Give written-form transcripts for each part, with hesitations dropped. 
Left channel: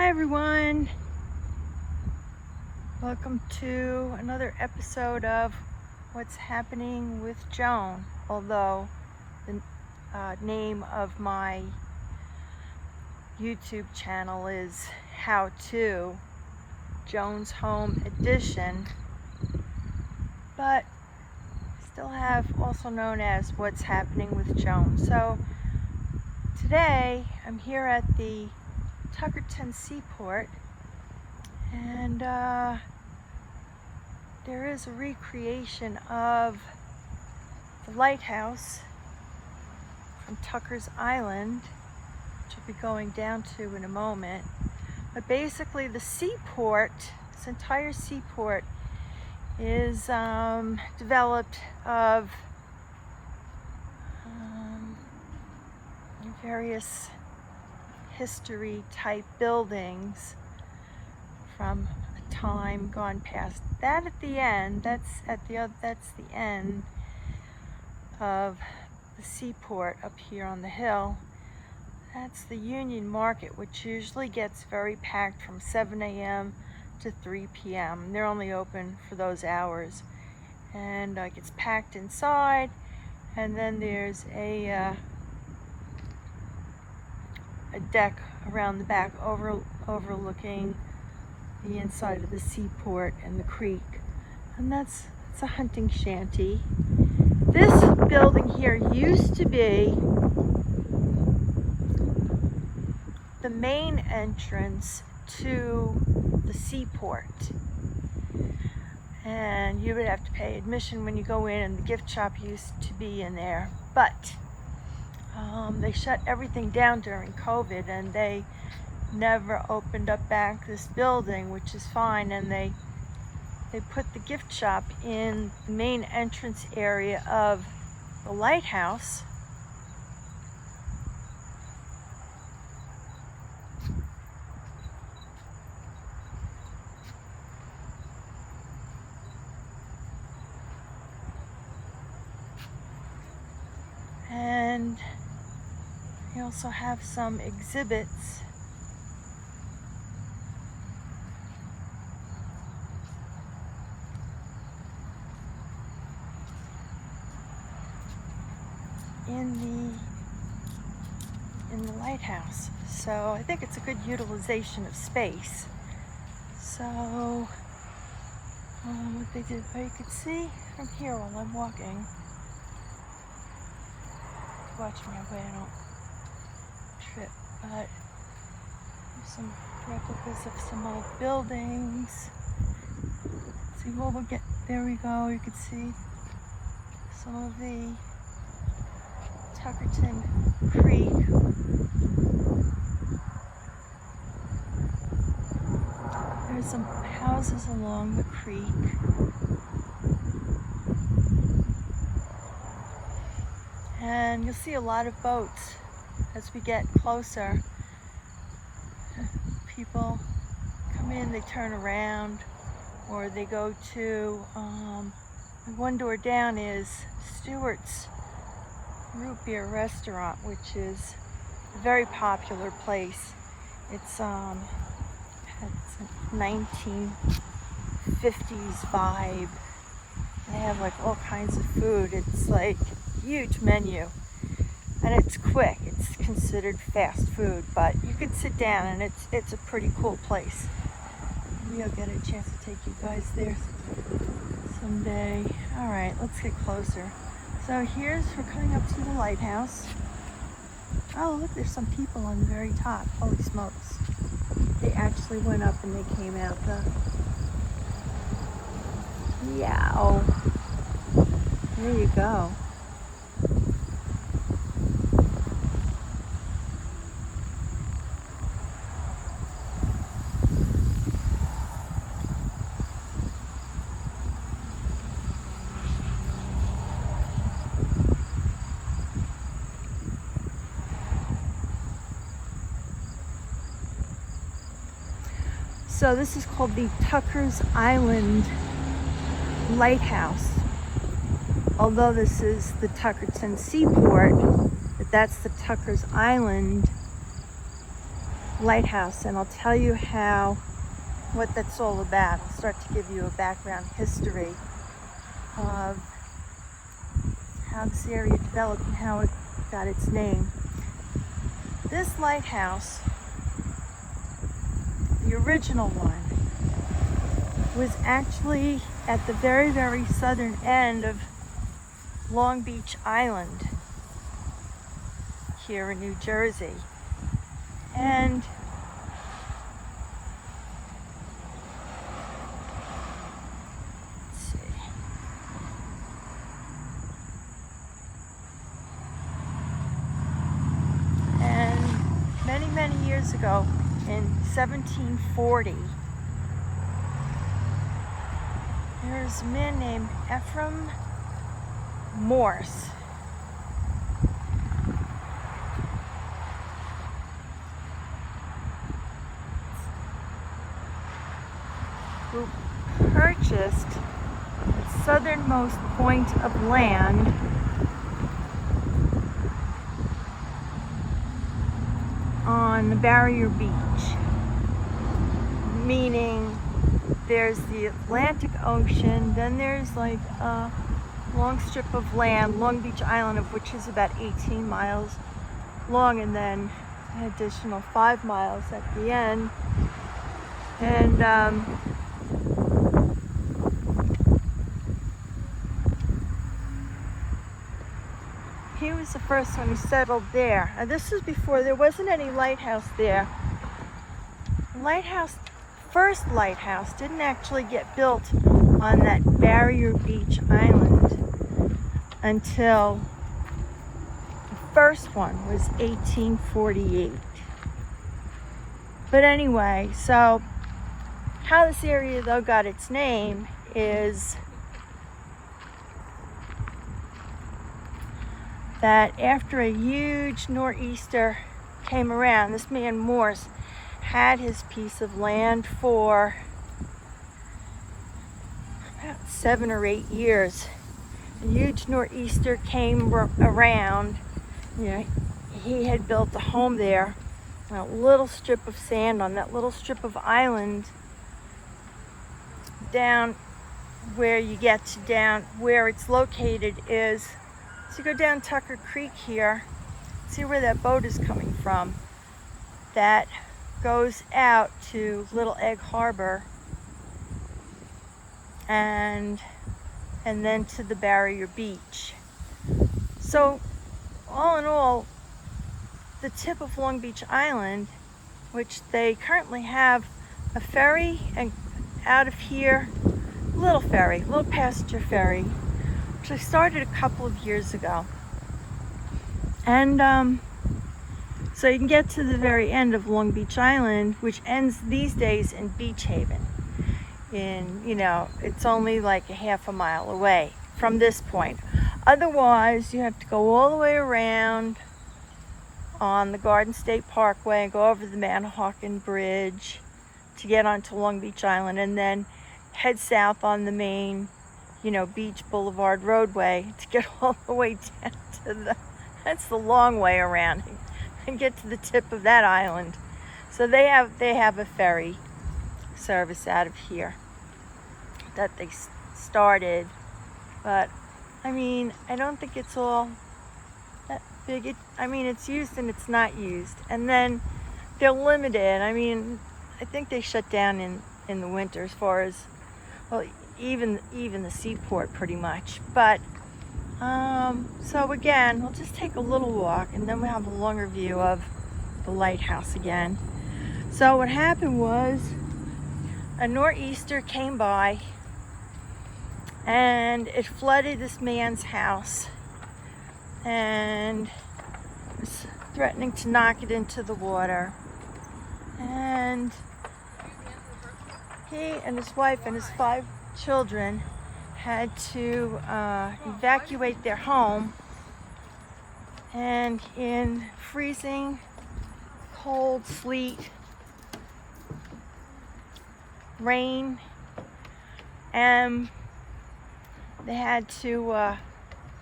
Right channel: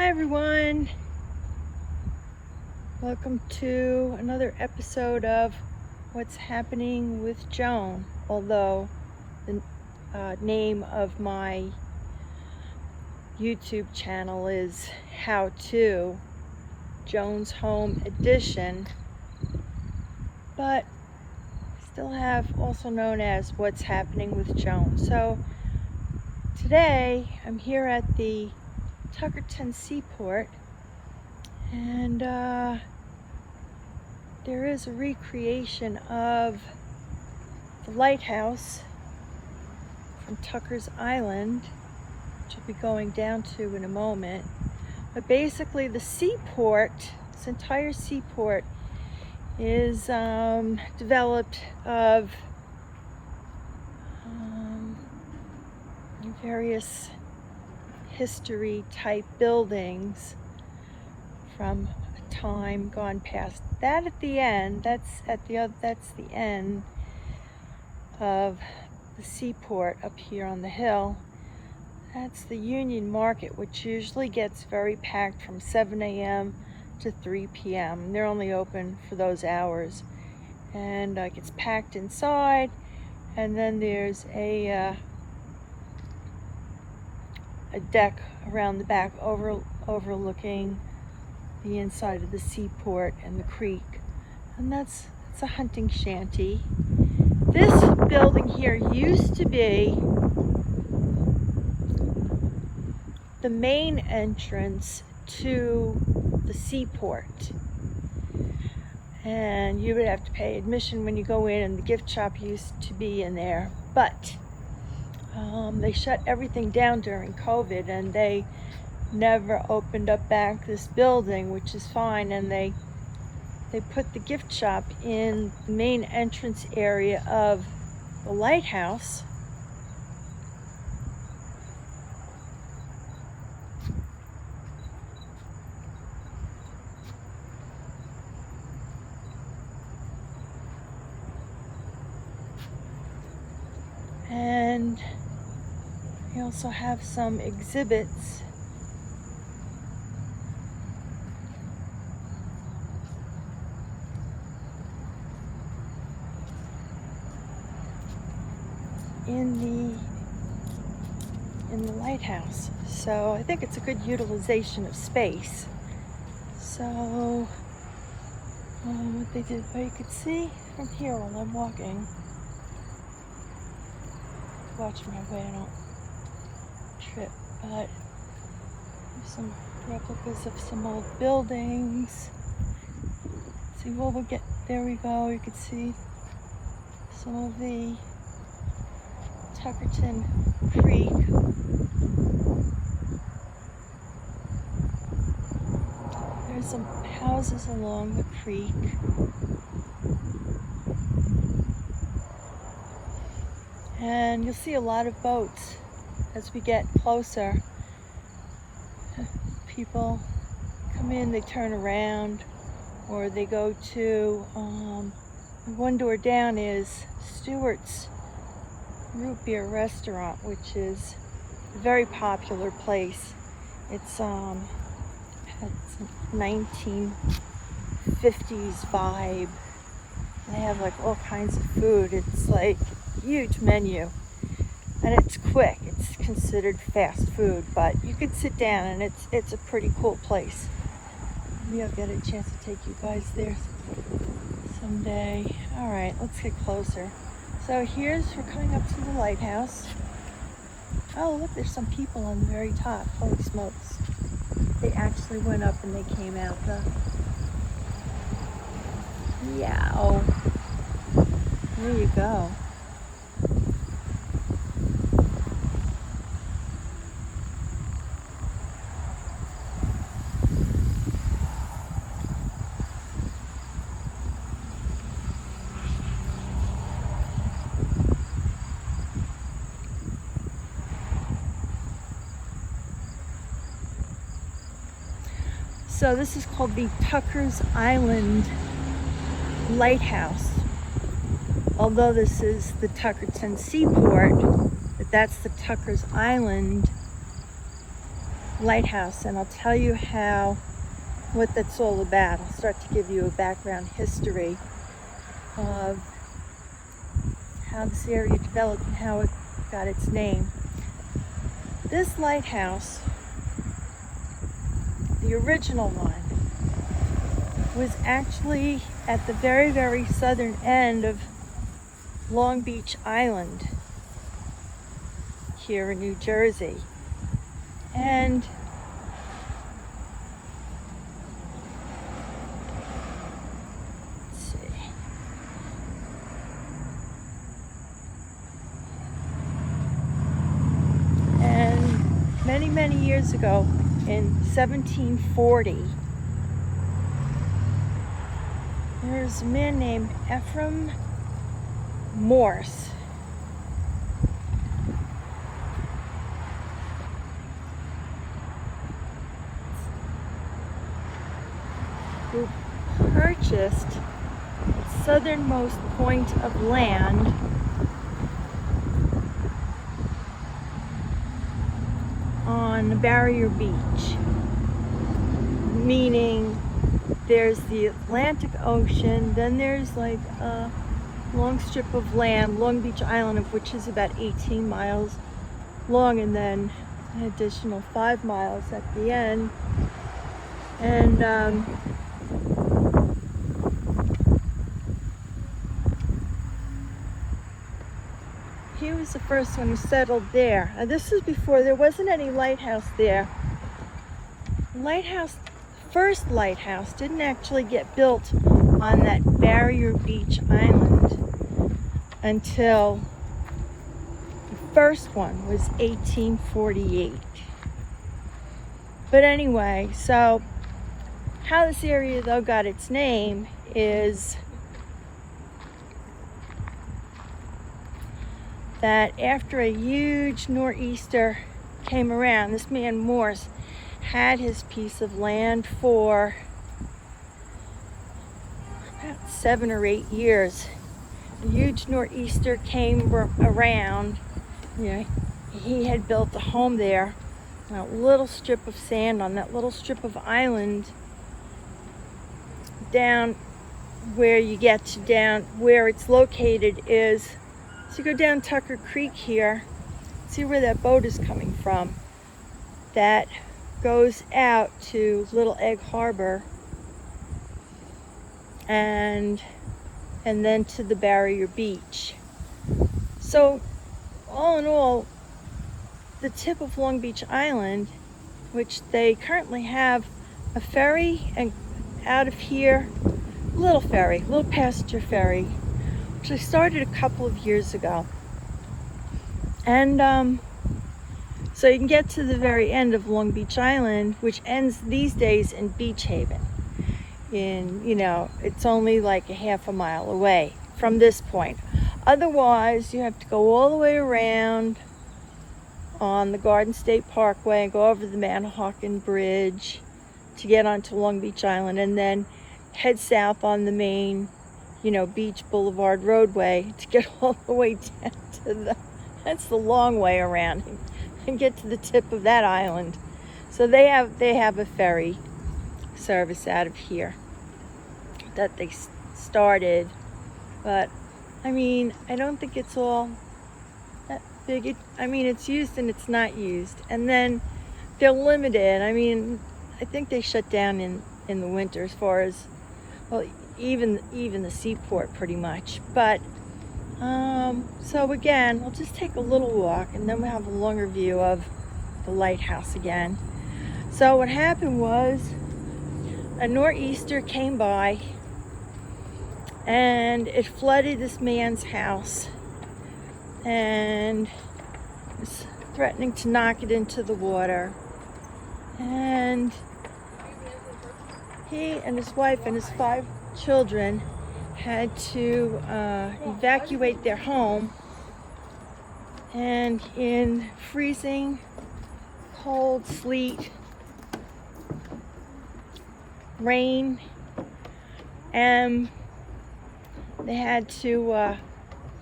Hi everyone, welcome to another episode of What's Happening with Joan, although the name of my YouTube channel is How To Joan's Home Edition, but still have also known as What's Happening with Joan. So today I'm here at the Tuckerton Seaport, and there is a recreation of the lighthouse from Tucker's Island, which I'll be going down to in a moment. But basically the seaport, this entire seaport, is developed of various history type buildings from a time gone past. That at the end, that's the end of the seaport up here on the hill. That's the Union Market, which usually gets very packed from 7 a.m. to 3 p.m. They're only open for those hours, and it gets packed inside. And then there's a deck around the back overlooking the inside of the seaport and the creek, and that's a hunting shanty. This building here used to be the main entrance to the seaport, and you would have to pay admission when you go in, and the gift shop used to be in there, but they shut everything down during COVID, and they never opened up back this building, which is fine. And they put the gift shop in the main entrance area of the lighthouse. And we also have some exhibits in the lighthouse. So I think it's a good utilization of space. So what they did, you could see from here while I'm walking, watch my way, I don't trip, but there's some replicas of some old buildings. See, well, we'll get, there we go, you can see some of the Tuckerton Creek. There's some houses along the creek. And you'll see a lot of boats as we get closer. People come in, they turn around, or they go to, one door down is Stewart's Root Beer Restaurant, which is a very popular place. It's a 1950s vibe. And they have like all kinds of food. It's like huge menu, and it's quick. It's considered fast food, but you could sit down, and it's a pretty cool place. Maybe I'll get a chance to take you guys there someday. All right, let's get closer. So we're coming up to the lighthouse. Oh, look, there's some people on the very top. Holy smokes. They actually went up and they came out the... Yow. There you go. So this is called the Tucker's Island Lighthouse. Although this is the Tuckerton Seaport, but that's the Tucker's Island lighthouse, and I'll tell you what that's all about. I'll start to give you a background history of how this area developed and how it got its name. This lighthouse, the original one, was actually at the very, very southern end of Long Beach Island here in New Jersey. And let's see. And many, many years ago, in 1740, there's a man named Ephraim Morse who purchased the southernmost point of land on the Barrier Beach, meaning there's the Atlantic Ocean, then there's like a long strip of land, Long Beach Island, of which is about 18 miles long, and then an additional 5 miles at the end. And he was the first one who settled there. And this is before there wasn't any lighthouse there. The first lighthouse didn't actually get built on that Barrier Beach Island until the first one was 1848. But anyway, so how this area though got its name is that after a huge nor'easter came around, this man Morse had his piece of land for about 7 or 8 years. A huge nor'easter came around. He had built a home there, a little strip of sand on that little strip of island down where you get to down where it's located is, so you go down Tucker Creek here, see where that boat is coming from. That goes out to Little Egg Harbor and then to the Barrier Beach. So all in all, the tip of Long Beach Island, which they currently have a ferry and out of here, little passenger ferry, which I started a couple of years ago. And so you can get to the very end of Long Beach Island, which ends these days in Beach Haven. It's only like a half a mile away from this point. Otherwise, you have to go all the way around on the Garden State Parkway and go over the Manahawkin Bridge to get onto Long Beach Island, and then head south on the main, Beach Boulevard roadway to get all the way down to that's the long way around, and get to the tip of that island. So they have a ferry service out of here that they started, but I don't think it's all that big. It's used and it's not used, and then they're limited. I think they shut down in the winter as far as, well, even the seaport pretty much. But so again, we'll just take a little walk and then we'll have a longer view of the lighthouse again. So what happened was a nor'easter came by and it flooded this man's house and was threatening to knock it into the water. And he and his wife and his 5 children had to evacuate their home, and in freezing cold sleet, rain, and they had to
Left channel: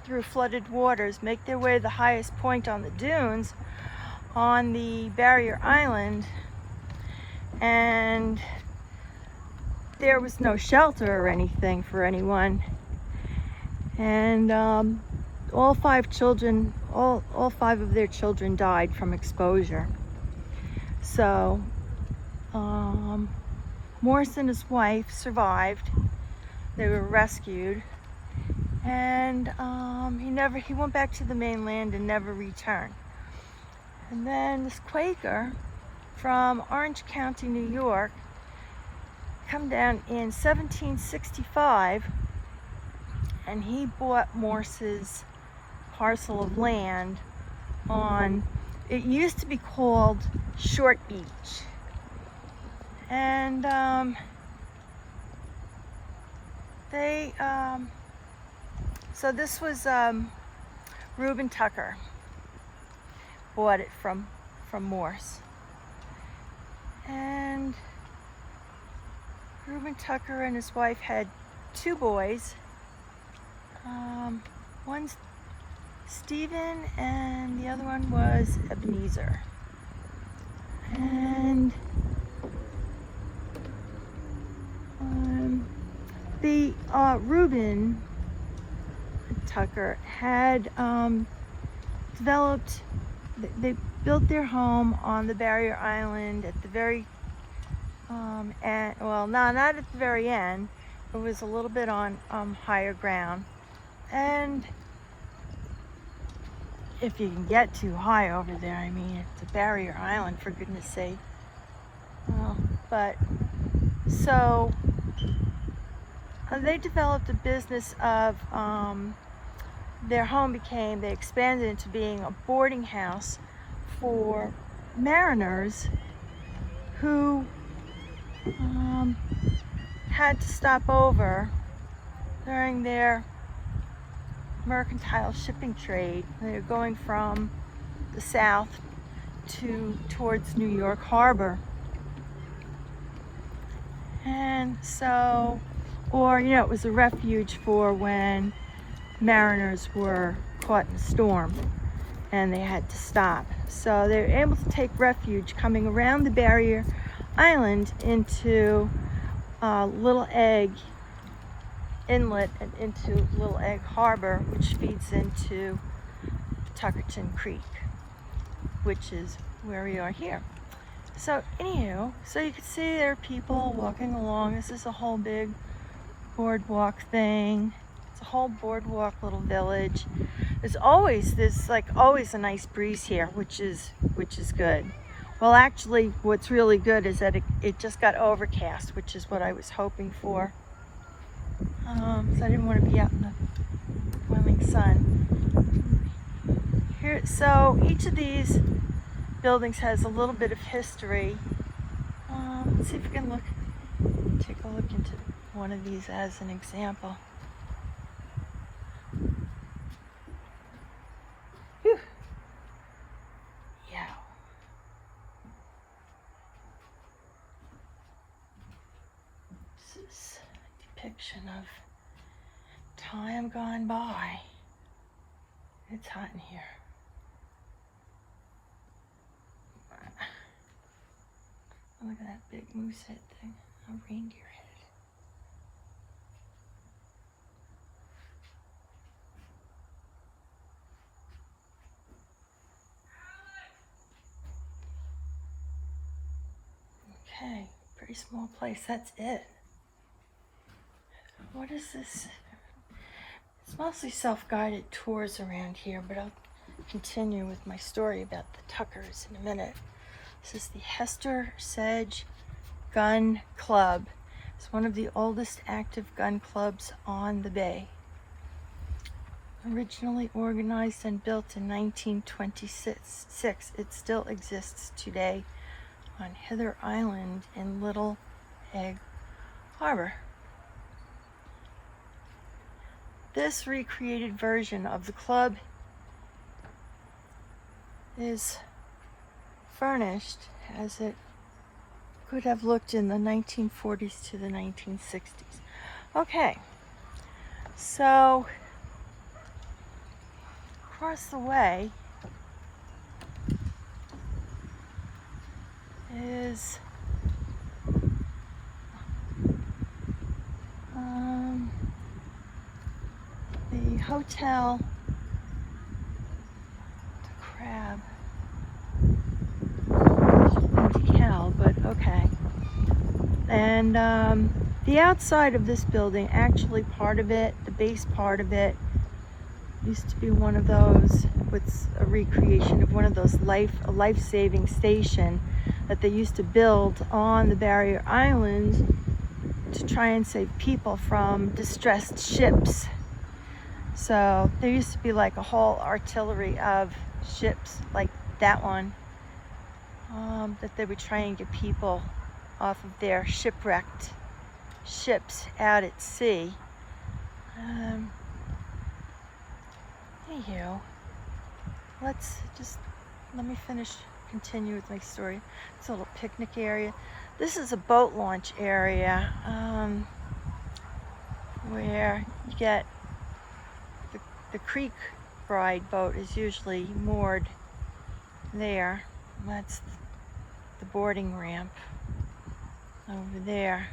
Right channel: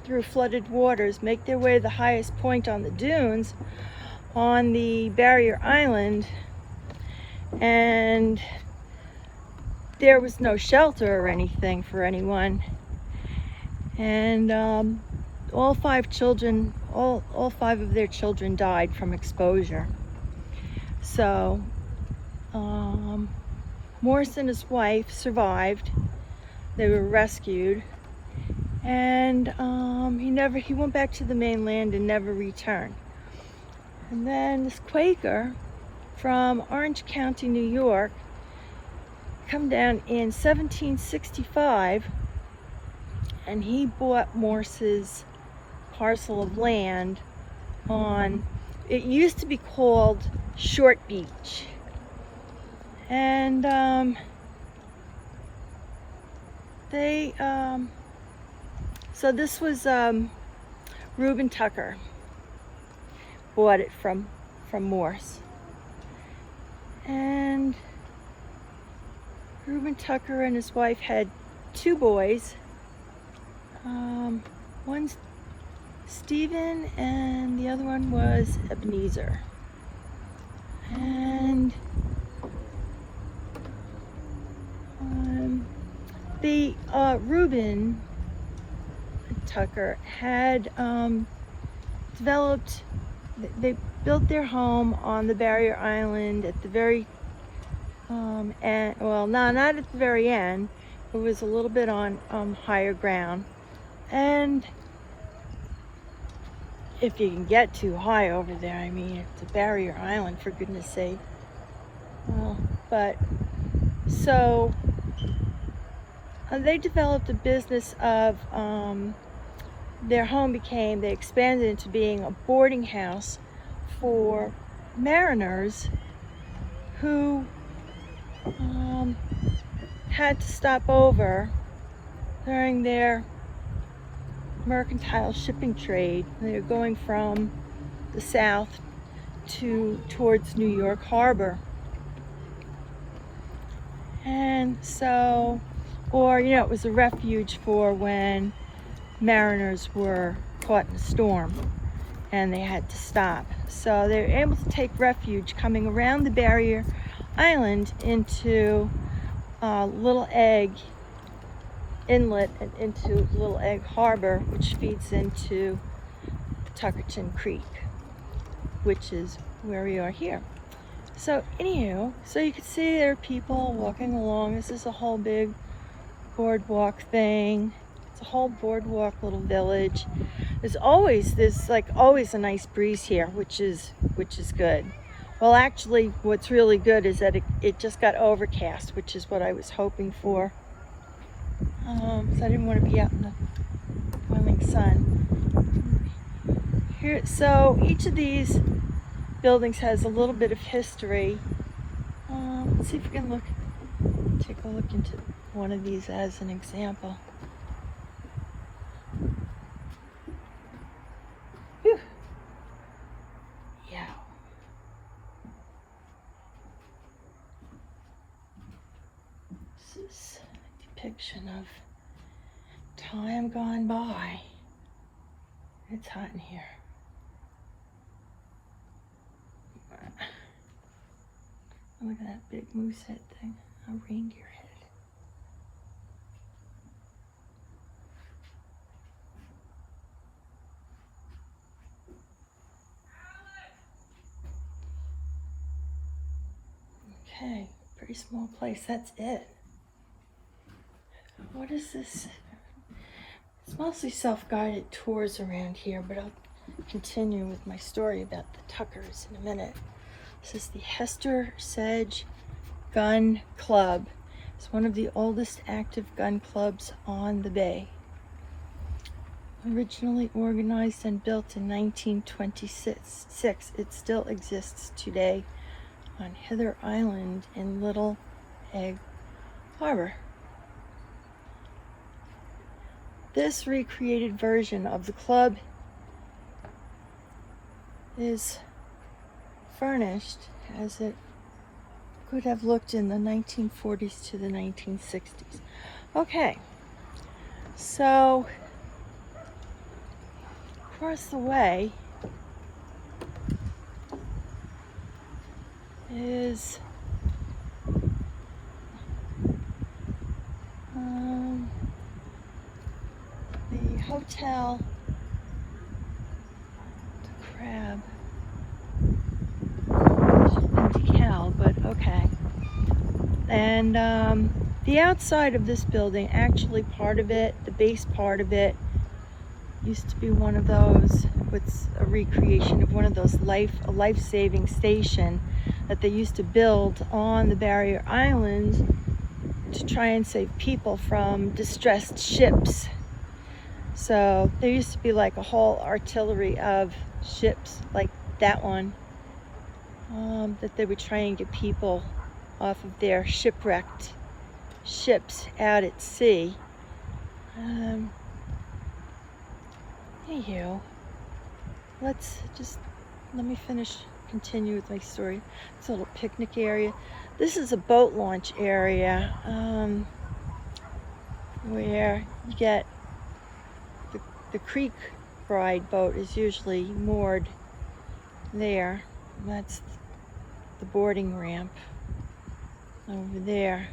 through flooded waters make their way to the highest point on the dunes on the Barrier Island and there was no shelter or anything for anyone. And all 5 children, all 5 of their children died from exposure. So Morris and his wife survived. They were rescued, and he went back to the mainland and never returned. And then this Quaker from Orange County, New York, come down in 1765, and he bought Morse's parcel of land on, it used to be called Short Beach. And so this was Reuben Tucker bought it from Morse. And Reuben Tucker and his wife had 2 boys. One's Stephen and the other one was Ebenezer. And the Reuben Tucker had developed, they built their home on the barrier island at the very well, no, not at the very end. It was a little bit on higher ground, and if you can get too high over there, I mean, it's a barrier island, for goodness sake. But so they developed a business of their home they expanded into being a boarding house for mariners who had to stop over during their mercantile shipping trade. They were going from the south towards New York Harbor. And so, or it was a refuge for when mariners were caught in a storm and they had to stop. So they were able to take refuge coming around the barrier island into Little Egg Inlet and into Little Egg Harbor, which feeds into the Tuckerton Creek, which is where we are here. So anywho, so you can see there are people walking along. This is a whole big boardwalk thing. It's a whole boardwalk little village. There's always a nice breeze here, which is good. Well, actually, what's really good is that it just got overcast, which is what I was hoping for. So I didn't want to be out in the boiling sun. Here, so each of these buildings has a little bit of history. Let's see if we can take a look into one of these as an example. Whew. Yeah. This is a depiction of time gone by. It's hot in here. Look at that big moose head thing, a reindeer head. Okay, pretty small place, that's it. What is this? It's mostly self-guided tours around here, but I'll continue with my story about the Tuckers in a minute. This is the Hester Sedge Gun Club. It's one of the oldest active gun clubs on the bay. Originally organized and built in 1926, it still exists today on Hither Island in Little Egg Harbor. This recreated version of the club is furnished as it could have looked in the 1940s to the 1960s. Okay, so across the way is tell the crab. Should have been decal, but okay. And the outside of this building, actually part of it, the base part of it, used to be one of those, what's a recreation of one of those a life-saving station that they used to build on the barrier islands to try and save people from distressed ships. So there used to be like a whole artillery of ships like that one that they would try and get people off of their shipwrecked ships out at sea. Anywho, let me continue with my story. It's a little picnic area. This is a boat launch area where you get the creek bride boat is usually moored there. That's the boarding ramp over there.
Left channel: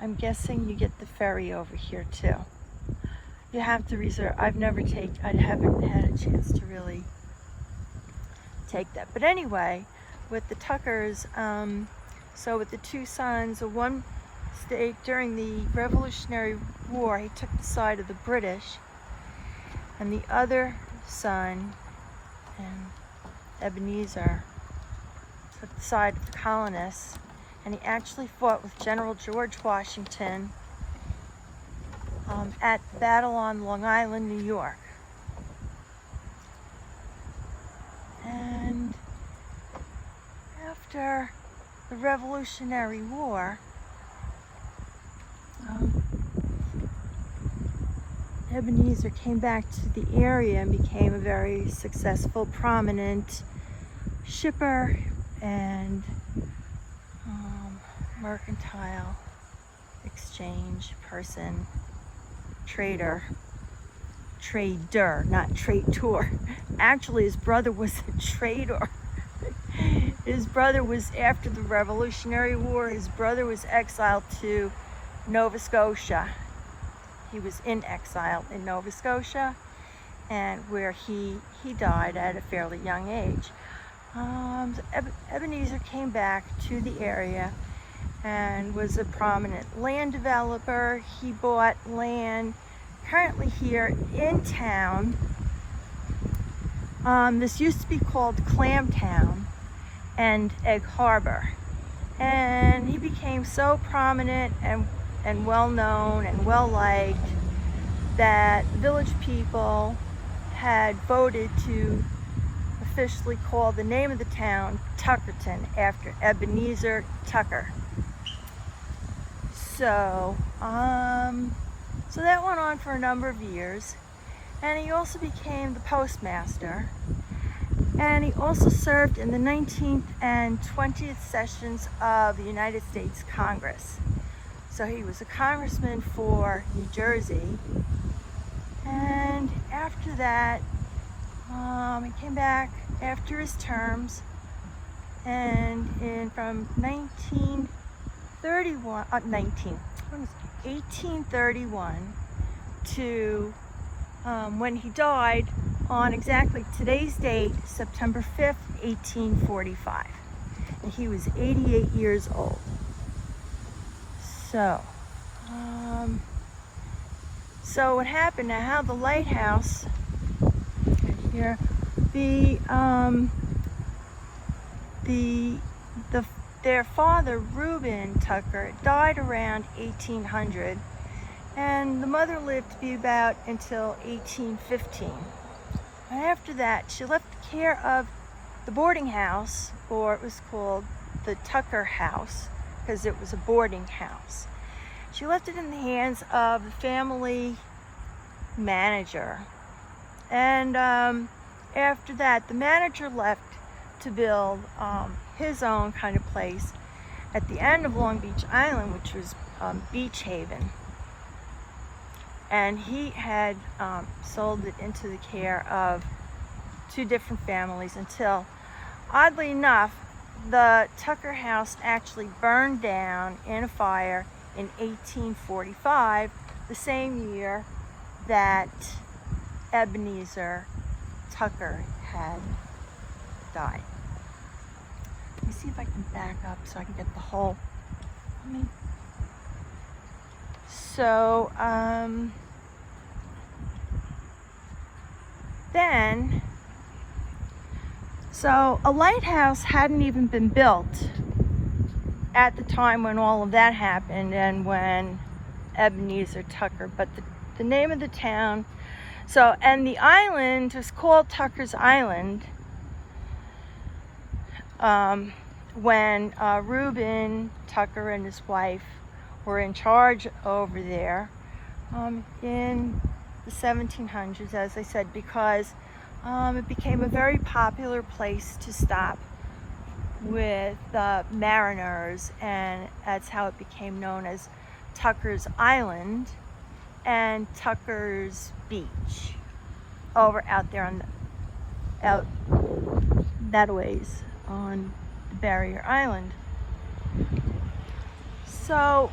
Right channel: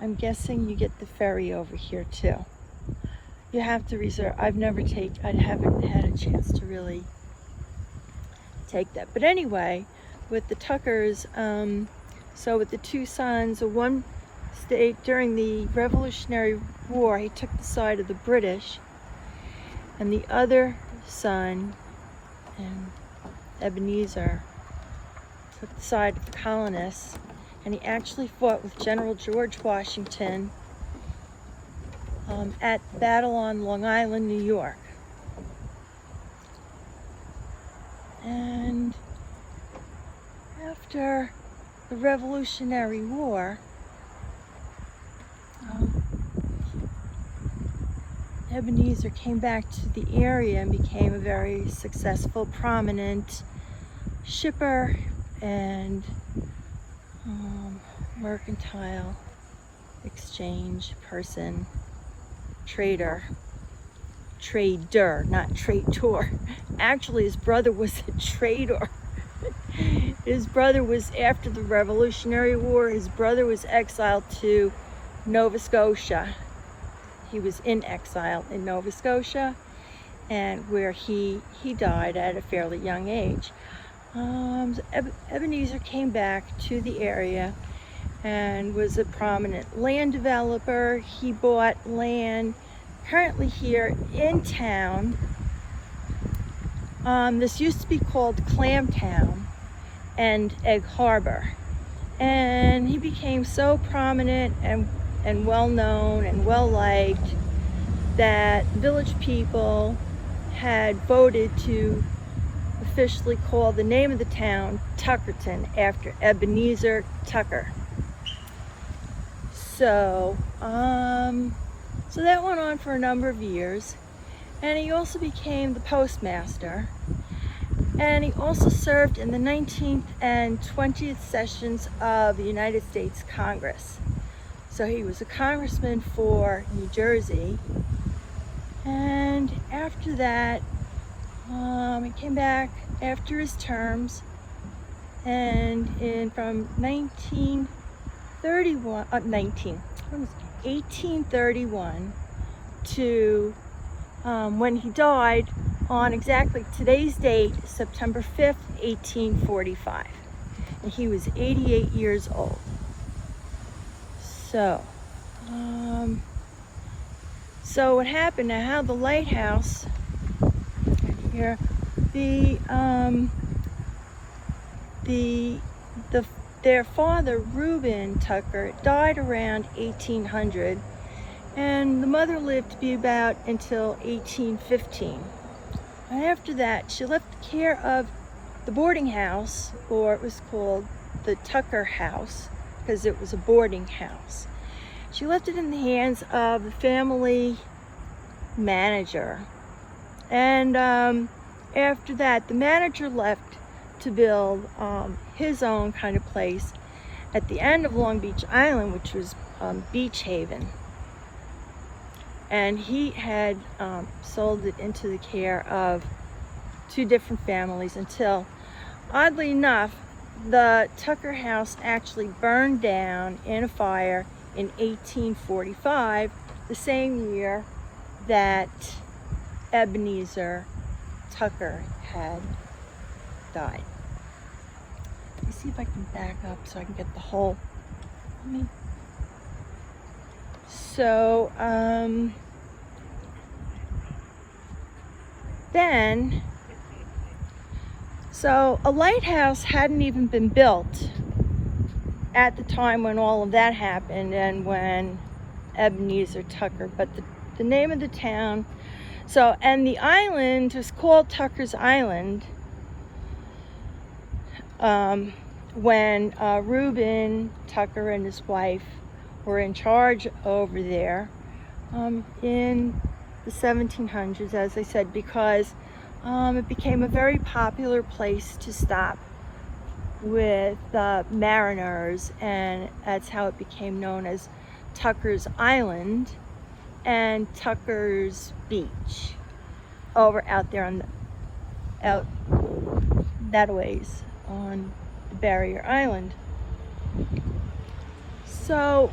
I'm guessing you get the ferry over here too. You have to reserve. I haven't had a chance to really take that. But anyway, with the Tuckers, so with the two sons, one stayed during the Revolutionary War. He took the side of the British, and the other son, and Ebenezer, took the side of the colonists, and he actually fought with General George Washington at the battle on Long Island, New York. And after the Revolutionary War, Ebenezer came back to the area and became a very successful, prominent shipper and mercantile exchange person, trader, not traitor. Actually, his brother was a trader. His brother was, after the Revolutionary War, his brother was exiled to Nova Scotia. He was in exile in Nova Scotia, and where he died at a fairly young age. Ebenezer came back to the area and was a prominent land developer. He bought land currently here in town. This used to be called Clamtown and Egg Harbor, and he became so prominent and well known and well liked that village people had voted to officially call the name of the town Tuckerton after Ebenezer Tucker. So that went on for a number of years, and he also became the postmaster, and he also served in the 19th and 20th sessions of the United States Congress. So he was a congressman for New Jersey, and after that he came back after his terms, and from 1831 to when he died on exactly today's date, September 5th, 1845. And he was 88 years old. So what happened now, how the lighthouse here, their father, Reuben Tucker, died around 1800, and the mother lived to be about until 1815. And after that, she left the care of the boarding house, or it was called the Tucker House, because it was a boarding house. She left it in the hands of the family manager. And after that, the manager left to build his own kind of place at the end of Long Beach Island, which was Beach Haven. And he had sold it into the care of two different families until, oddly enough, the Tucker house actually burned down in a fire in 1845, the same year that Ebenezer Tucker had died. Let me see if I can back up so I can get the whole. So so a lighthouse hadn't even been built at the time when all of that happened and when Ebenezer Tucker, but the name of the town, and the island was called Tucker's Island when Reuben Tucker and his wife were in charge over there in the 1700s, as I said, because it became a very popular place to stop with mariners, and that's how it became known as Tucker's Island and Tucker's Beach out there on out that ways on the Barrier Island. So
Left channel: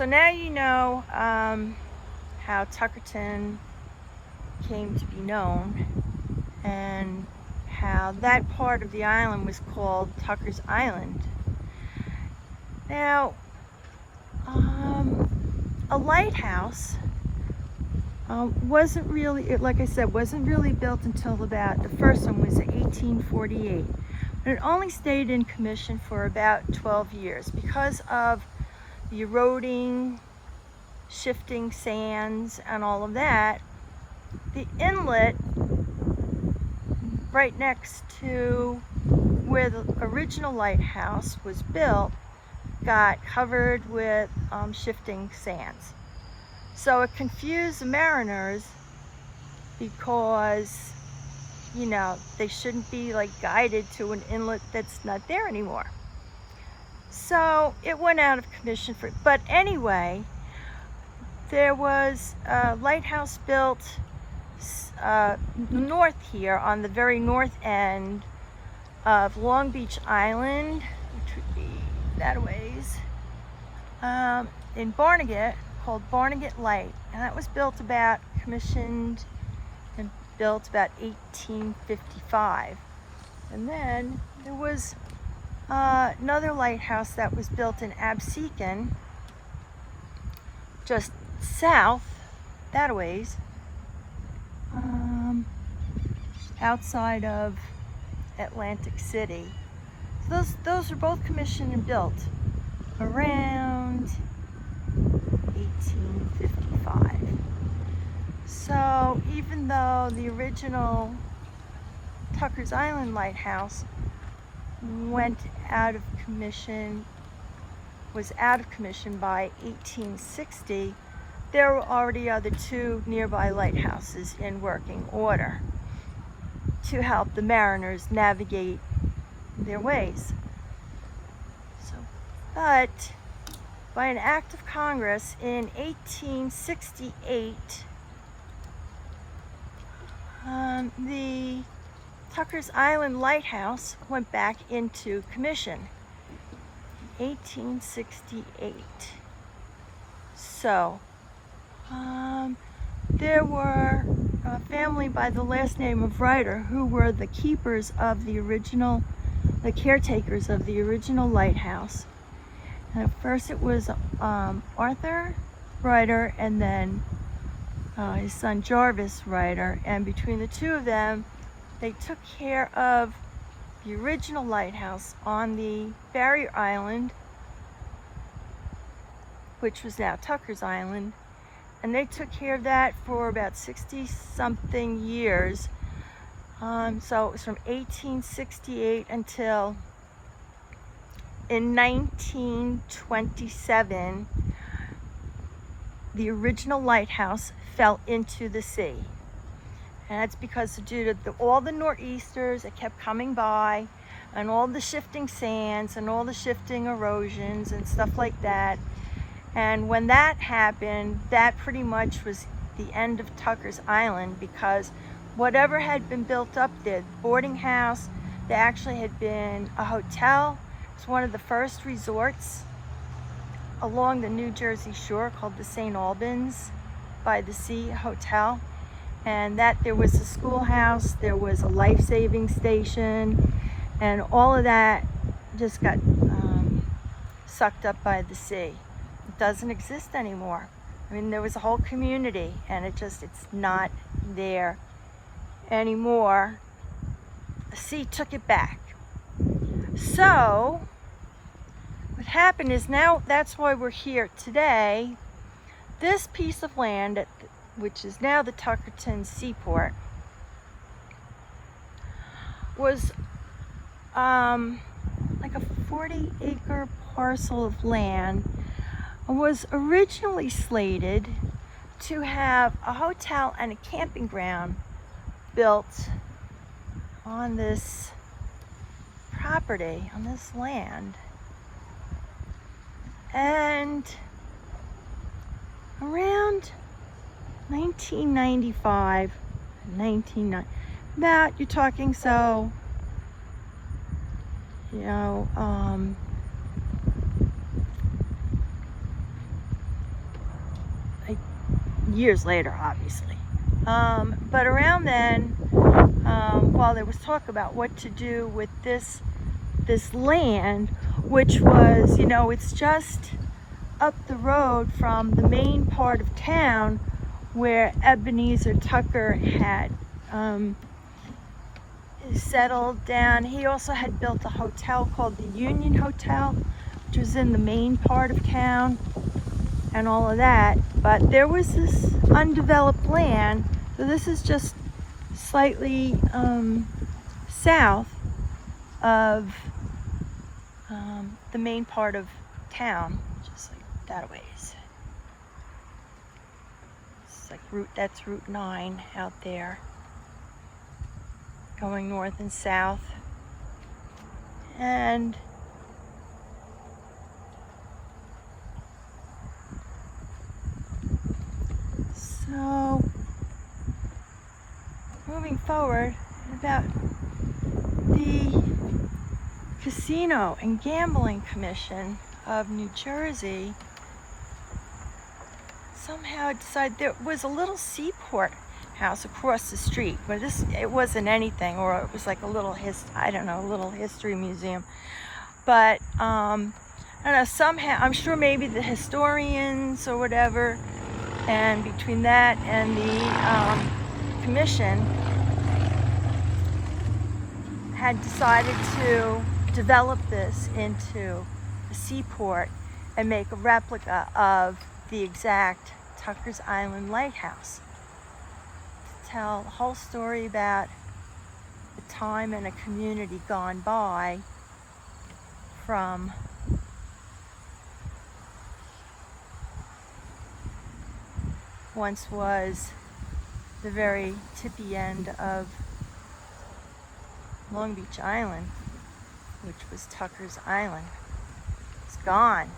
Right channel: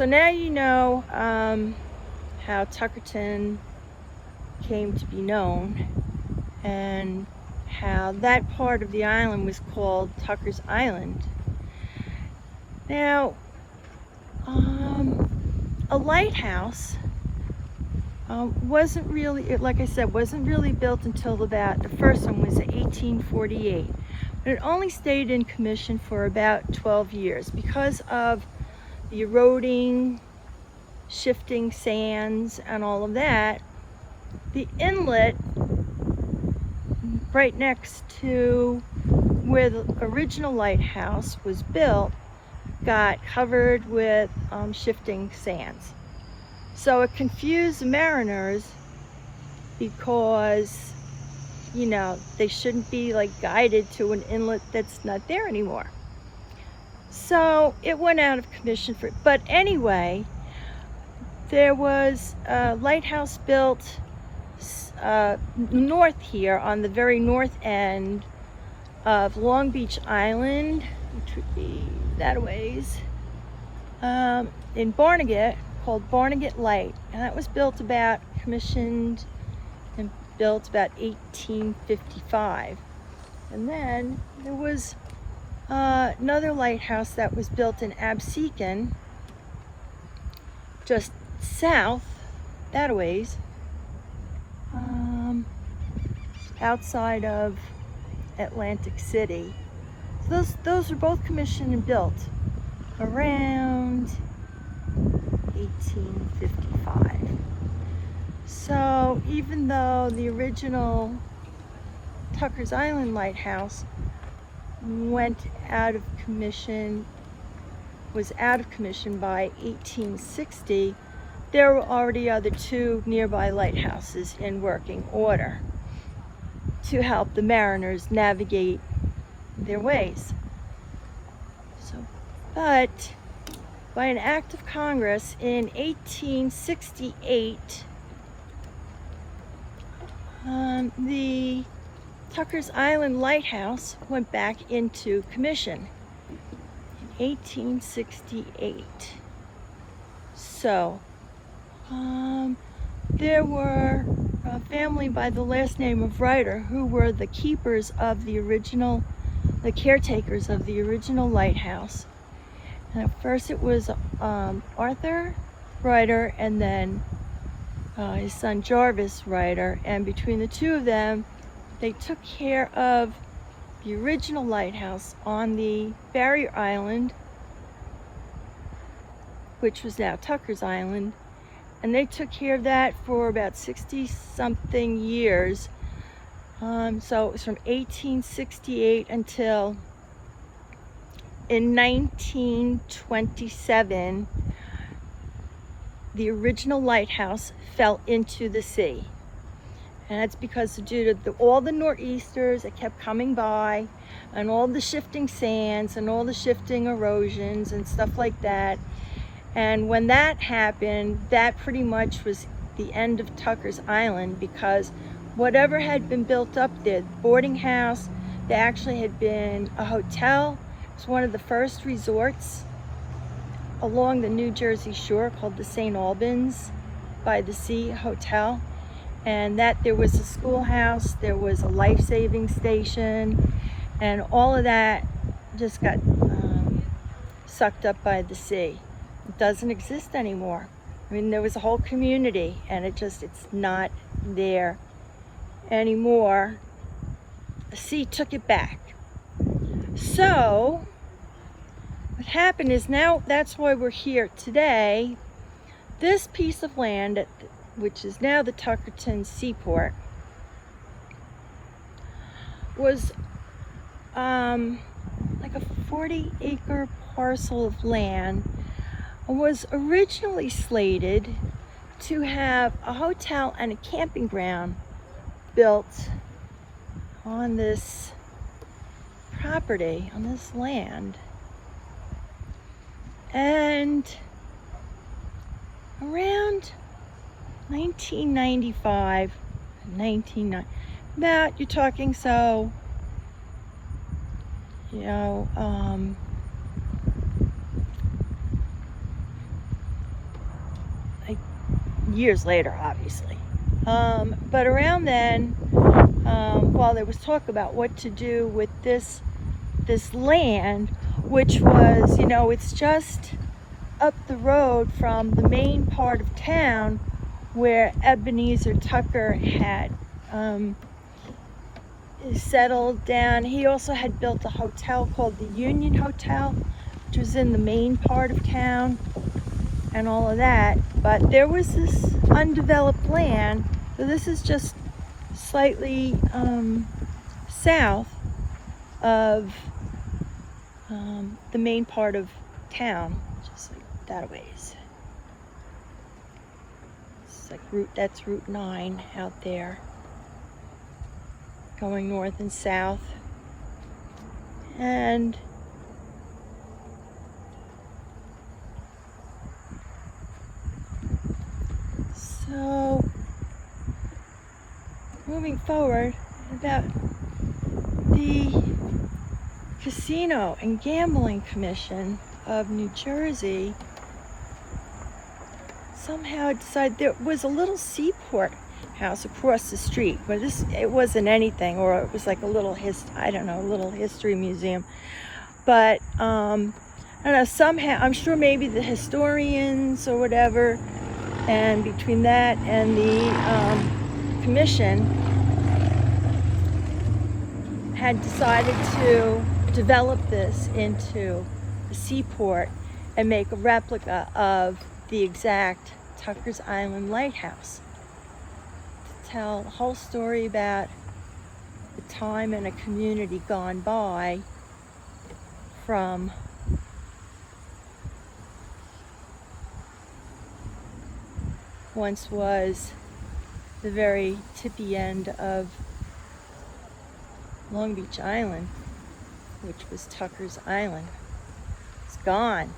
now you know how Tuckerton came to be known and how that part of the island was called Tucker's Island. Now, a lighthouse wasn't really, like I said, wasn't really built until the first one was in 1848. But it only stayed in commission for about 12 years because of the eroding, shifting sands and all of that. The inlet right next to where the original lighthouse was built got covered with shifting sands. So it confused the mariners because, you know, they shouldn't be like guided to an inlet that's not there anymore. So it went out of commission but anyway, there was a lighthouse built north here on the very north end of Long Beach Island, which would be that ways, in Barnegat, called Barnegat Light, and that was commissioned and built about 1855. And then there was another lighthouse that was built in Absecon, just south that ways, outside of Atlantic City. So those were both commissioned and built around 1855. So even though the original Tucker's Island Lighthouse was out of commission by 1860, there were already other two nearby lighthouses in working order to help the mariners navigate their ways. But by an act of Congress in 1868, the Tucker's Island Lighthouse went back into commission in 1868. So there were a family by the last name of Ryder who were the caretakers of the original lighthouse. And at first it was Arthur Ryder and then his son Jarvis Ryder, and between the two of them they took care of the original lighthouse on the Barrier Island, which was now Tucker's Island, and they took care of that for about 60-something years. So it was from 1868 until in 1927, the original lighthouse fell into the sea. And that's because due to all the nor'easters that kept coming by, and all the shifting sands and all the shifting erosions and stuff like that. And when that happened, that pretty much was the end of Tucker's Island, because whatever had been built up there, the boarding house, there actually had been a hotel. It was one of the first resorts along the New Jersey shore called the St. Albans by the Sea hotel, and that there was a schoolhouse, there was a life-saving station, and all of that just got sucked up by the sea. It doesn't exist anymore. I mean, there was a whole community, and it's not there anymore. The sea took it back. So what happened is, now that's why we're here today. This piece of land, which is now the Tuckerton Seaport, was like a 40-acre parcel of land, was originally slated to have a hotel and a camping ground built on this property, on this land. And around 1995, about, you're talking, so, you know, like years later, obviously. But around then, while there was talk about what to do with this land, which was, you know, it's just up the road from the main part of town where Ebenezer Tucker had settled down. He also had built a hotel called the Union Hotel, which was in the main part of town and all of that. But there was this undeveloped land, so this is just slightly south of the main part of town, just like that a ways. It's like that's Route 9 out there, going north and south. And so moving forward, about the Casino and Gambling Commission of New Jersey somehow decided there was a little seaport house across the street, but it wasn't anything, or it was like a little little history museum. But I don't know, somehow, I'm sure maybe the historians or whatever, and between that and the commission, had decided to develop this into a seaport and make a replica of the exact Tucker's Island Lighthouse, to tell the whole story about the time and a community gone by from once was the very tippy end of Long Beach Island, which was Tucker's Island. It's gone.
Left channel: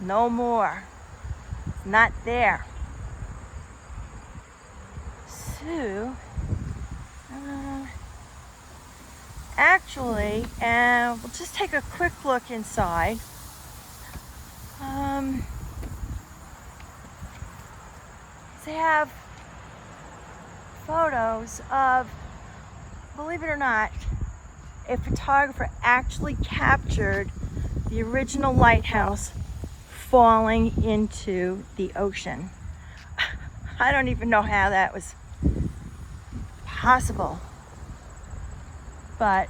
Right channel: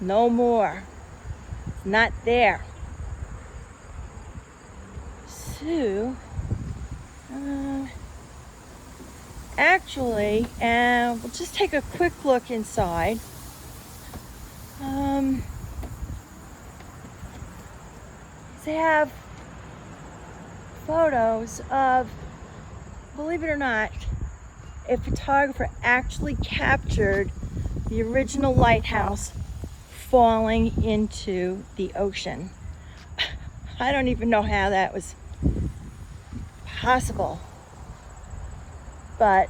No more. Not there. So, actually, we'll just take a quick look inside. They have photos of, believe it or not, a photographer actually captured the original lighthouse falling into the ocean. I don't even know how that was possible. But,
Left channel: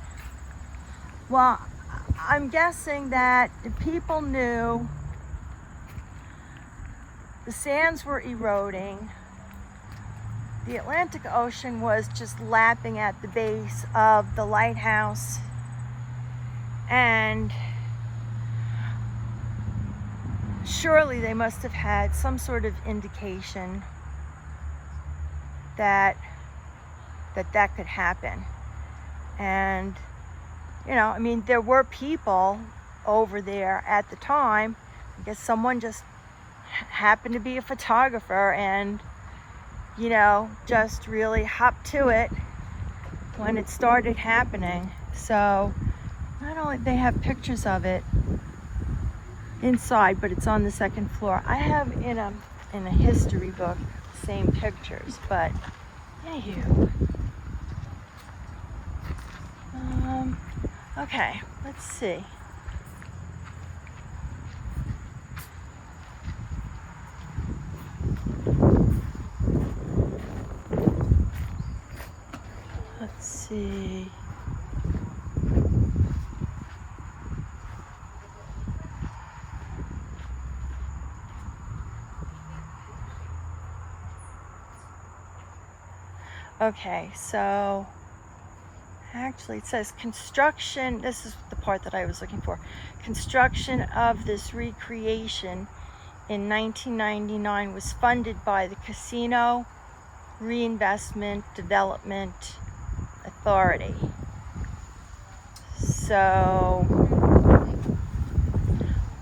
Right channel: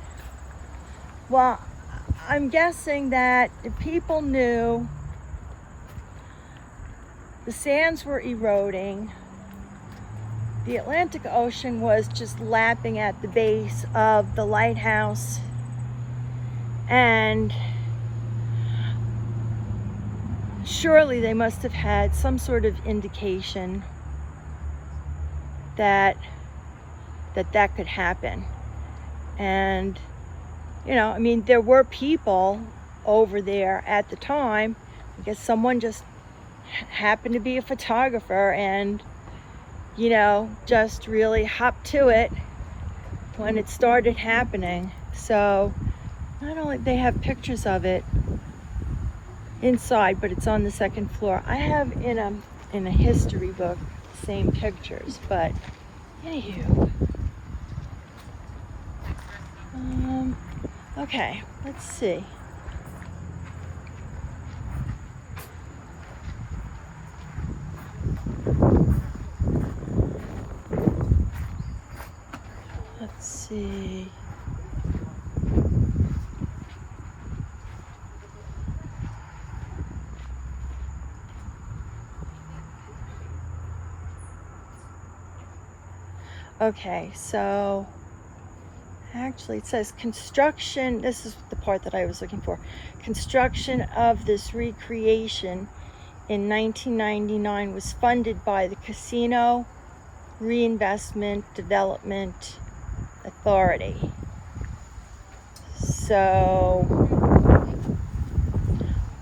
well, I'm guessing that the people knew the sands were eroding. The Atlantic Ocean was just lapping at the base of the lighthouse, and surely they must have had some sort of indication that could happen. And, you know, I mean, there were people over there at the time. I guess someone just happened to be a photographer and, you know, just really hopped to it when it started happening. So not only they have pictures of it inside, but it's on the second floor. I have in a history book the same pictures, but anywho. Okay, let's see. Let's see. Okay, so actually it says construction, this is the part that I was looking for. Construction of this recreation in 1999 was funded by the Casino Reinvestment Development Authority. So,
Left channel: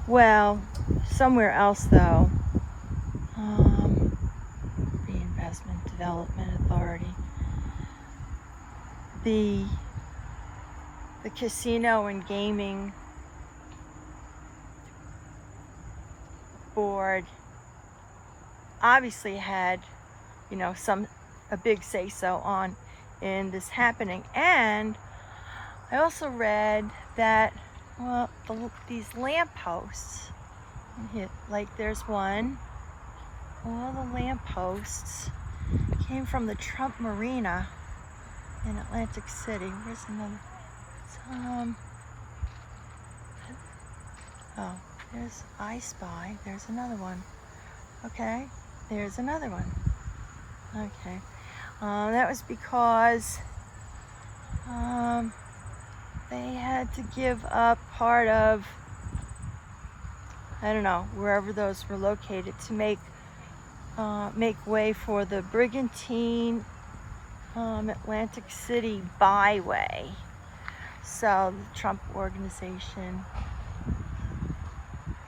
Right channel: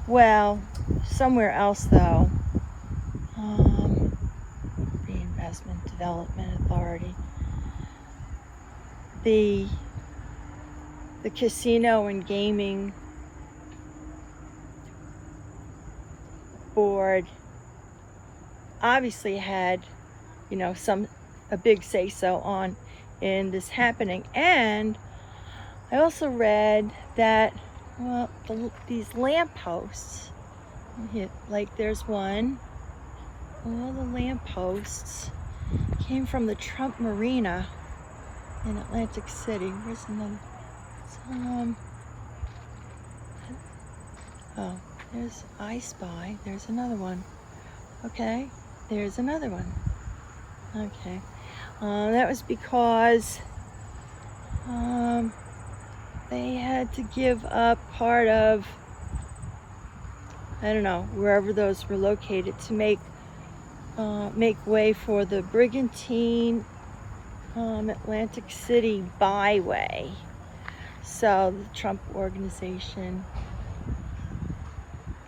well, somewhere else though. Reinvestment Development Authority. The Casino and Gaming Board obviously had, you know, a big say-so on in this happening. And I also read that, well, these lampposts, like there's one, all the lampposts came from the Trump Marina in Atlantic City. Where's another? Oh, there's I Spy. There's another one. Okay, there's another one. Okay, that was because they had to give up part of, I don't know, wherever those were located to make way for the Brigantine Atlantic City byway. So the Trump organization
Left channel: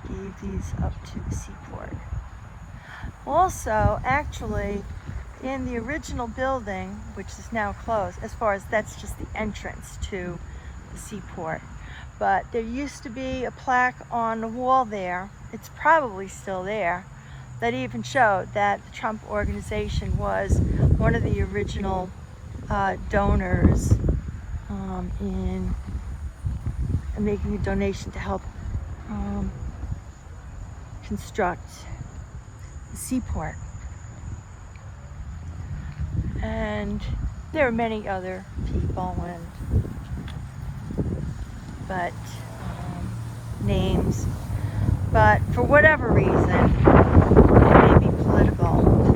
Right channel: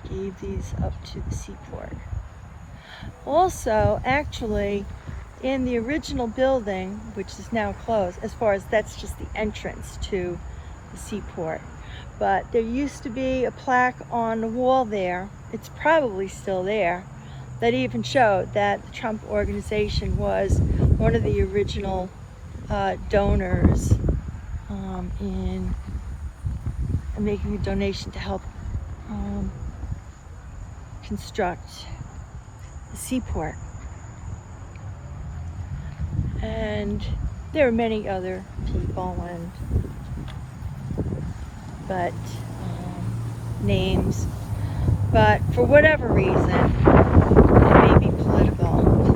gave these up to the seaport. Also, actually, in the original building, which is now closed, as far as that's just the entrance to the seaport, but there used to be a plaque on the wall there, it's probably still there, that even showed that the Trump organization was one of the original donors in making a donation to help construct the seaport. And there are many other people but names, but for whatever reason, it may be political,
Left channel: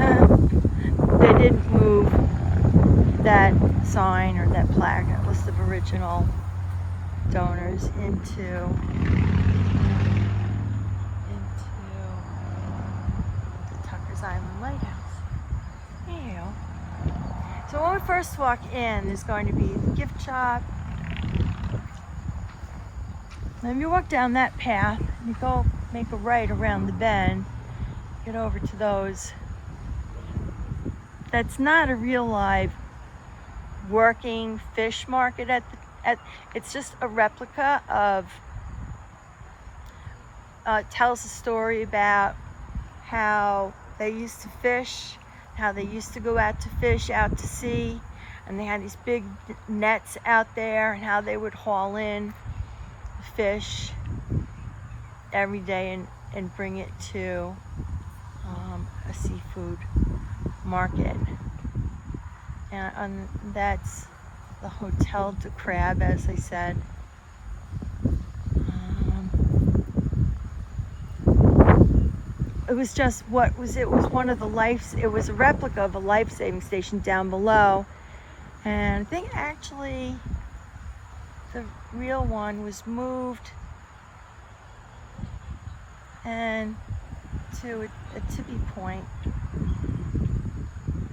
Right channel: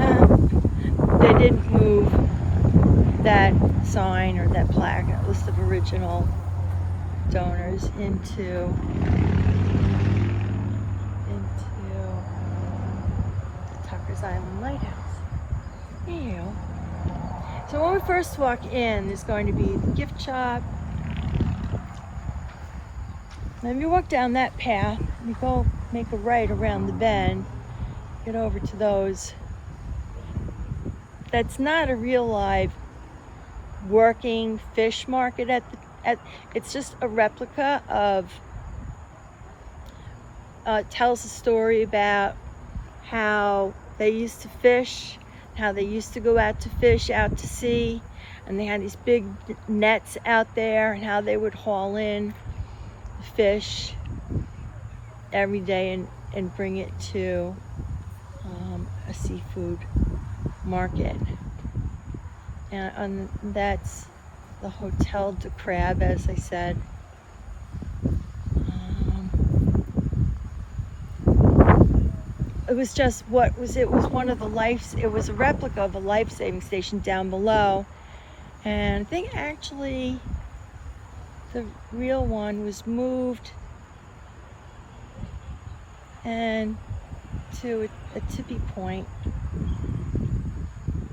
they didn't move that sign or that plaque, that list of original donors into the Tucker's Island Lighthouse. Ew. So when we first walk in, there's going to be the gift shop. Then you walk down that path, and you go make a right around the bend, get over to those. That's not a real live working fish market it's just a replica of, tells a story about how they used to fish, how they used to go out to fish out to sea, and they had these big nets out there, and how they would haul in the fish every day and bring it to a seafood market. And that's the Hotel de Crab, as I said. It was just it was one of the it was a replica of a life-saving station down below. And I think actually the real one was moved and to a tippy point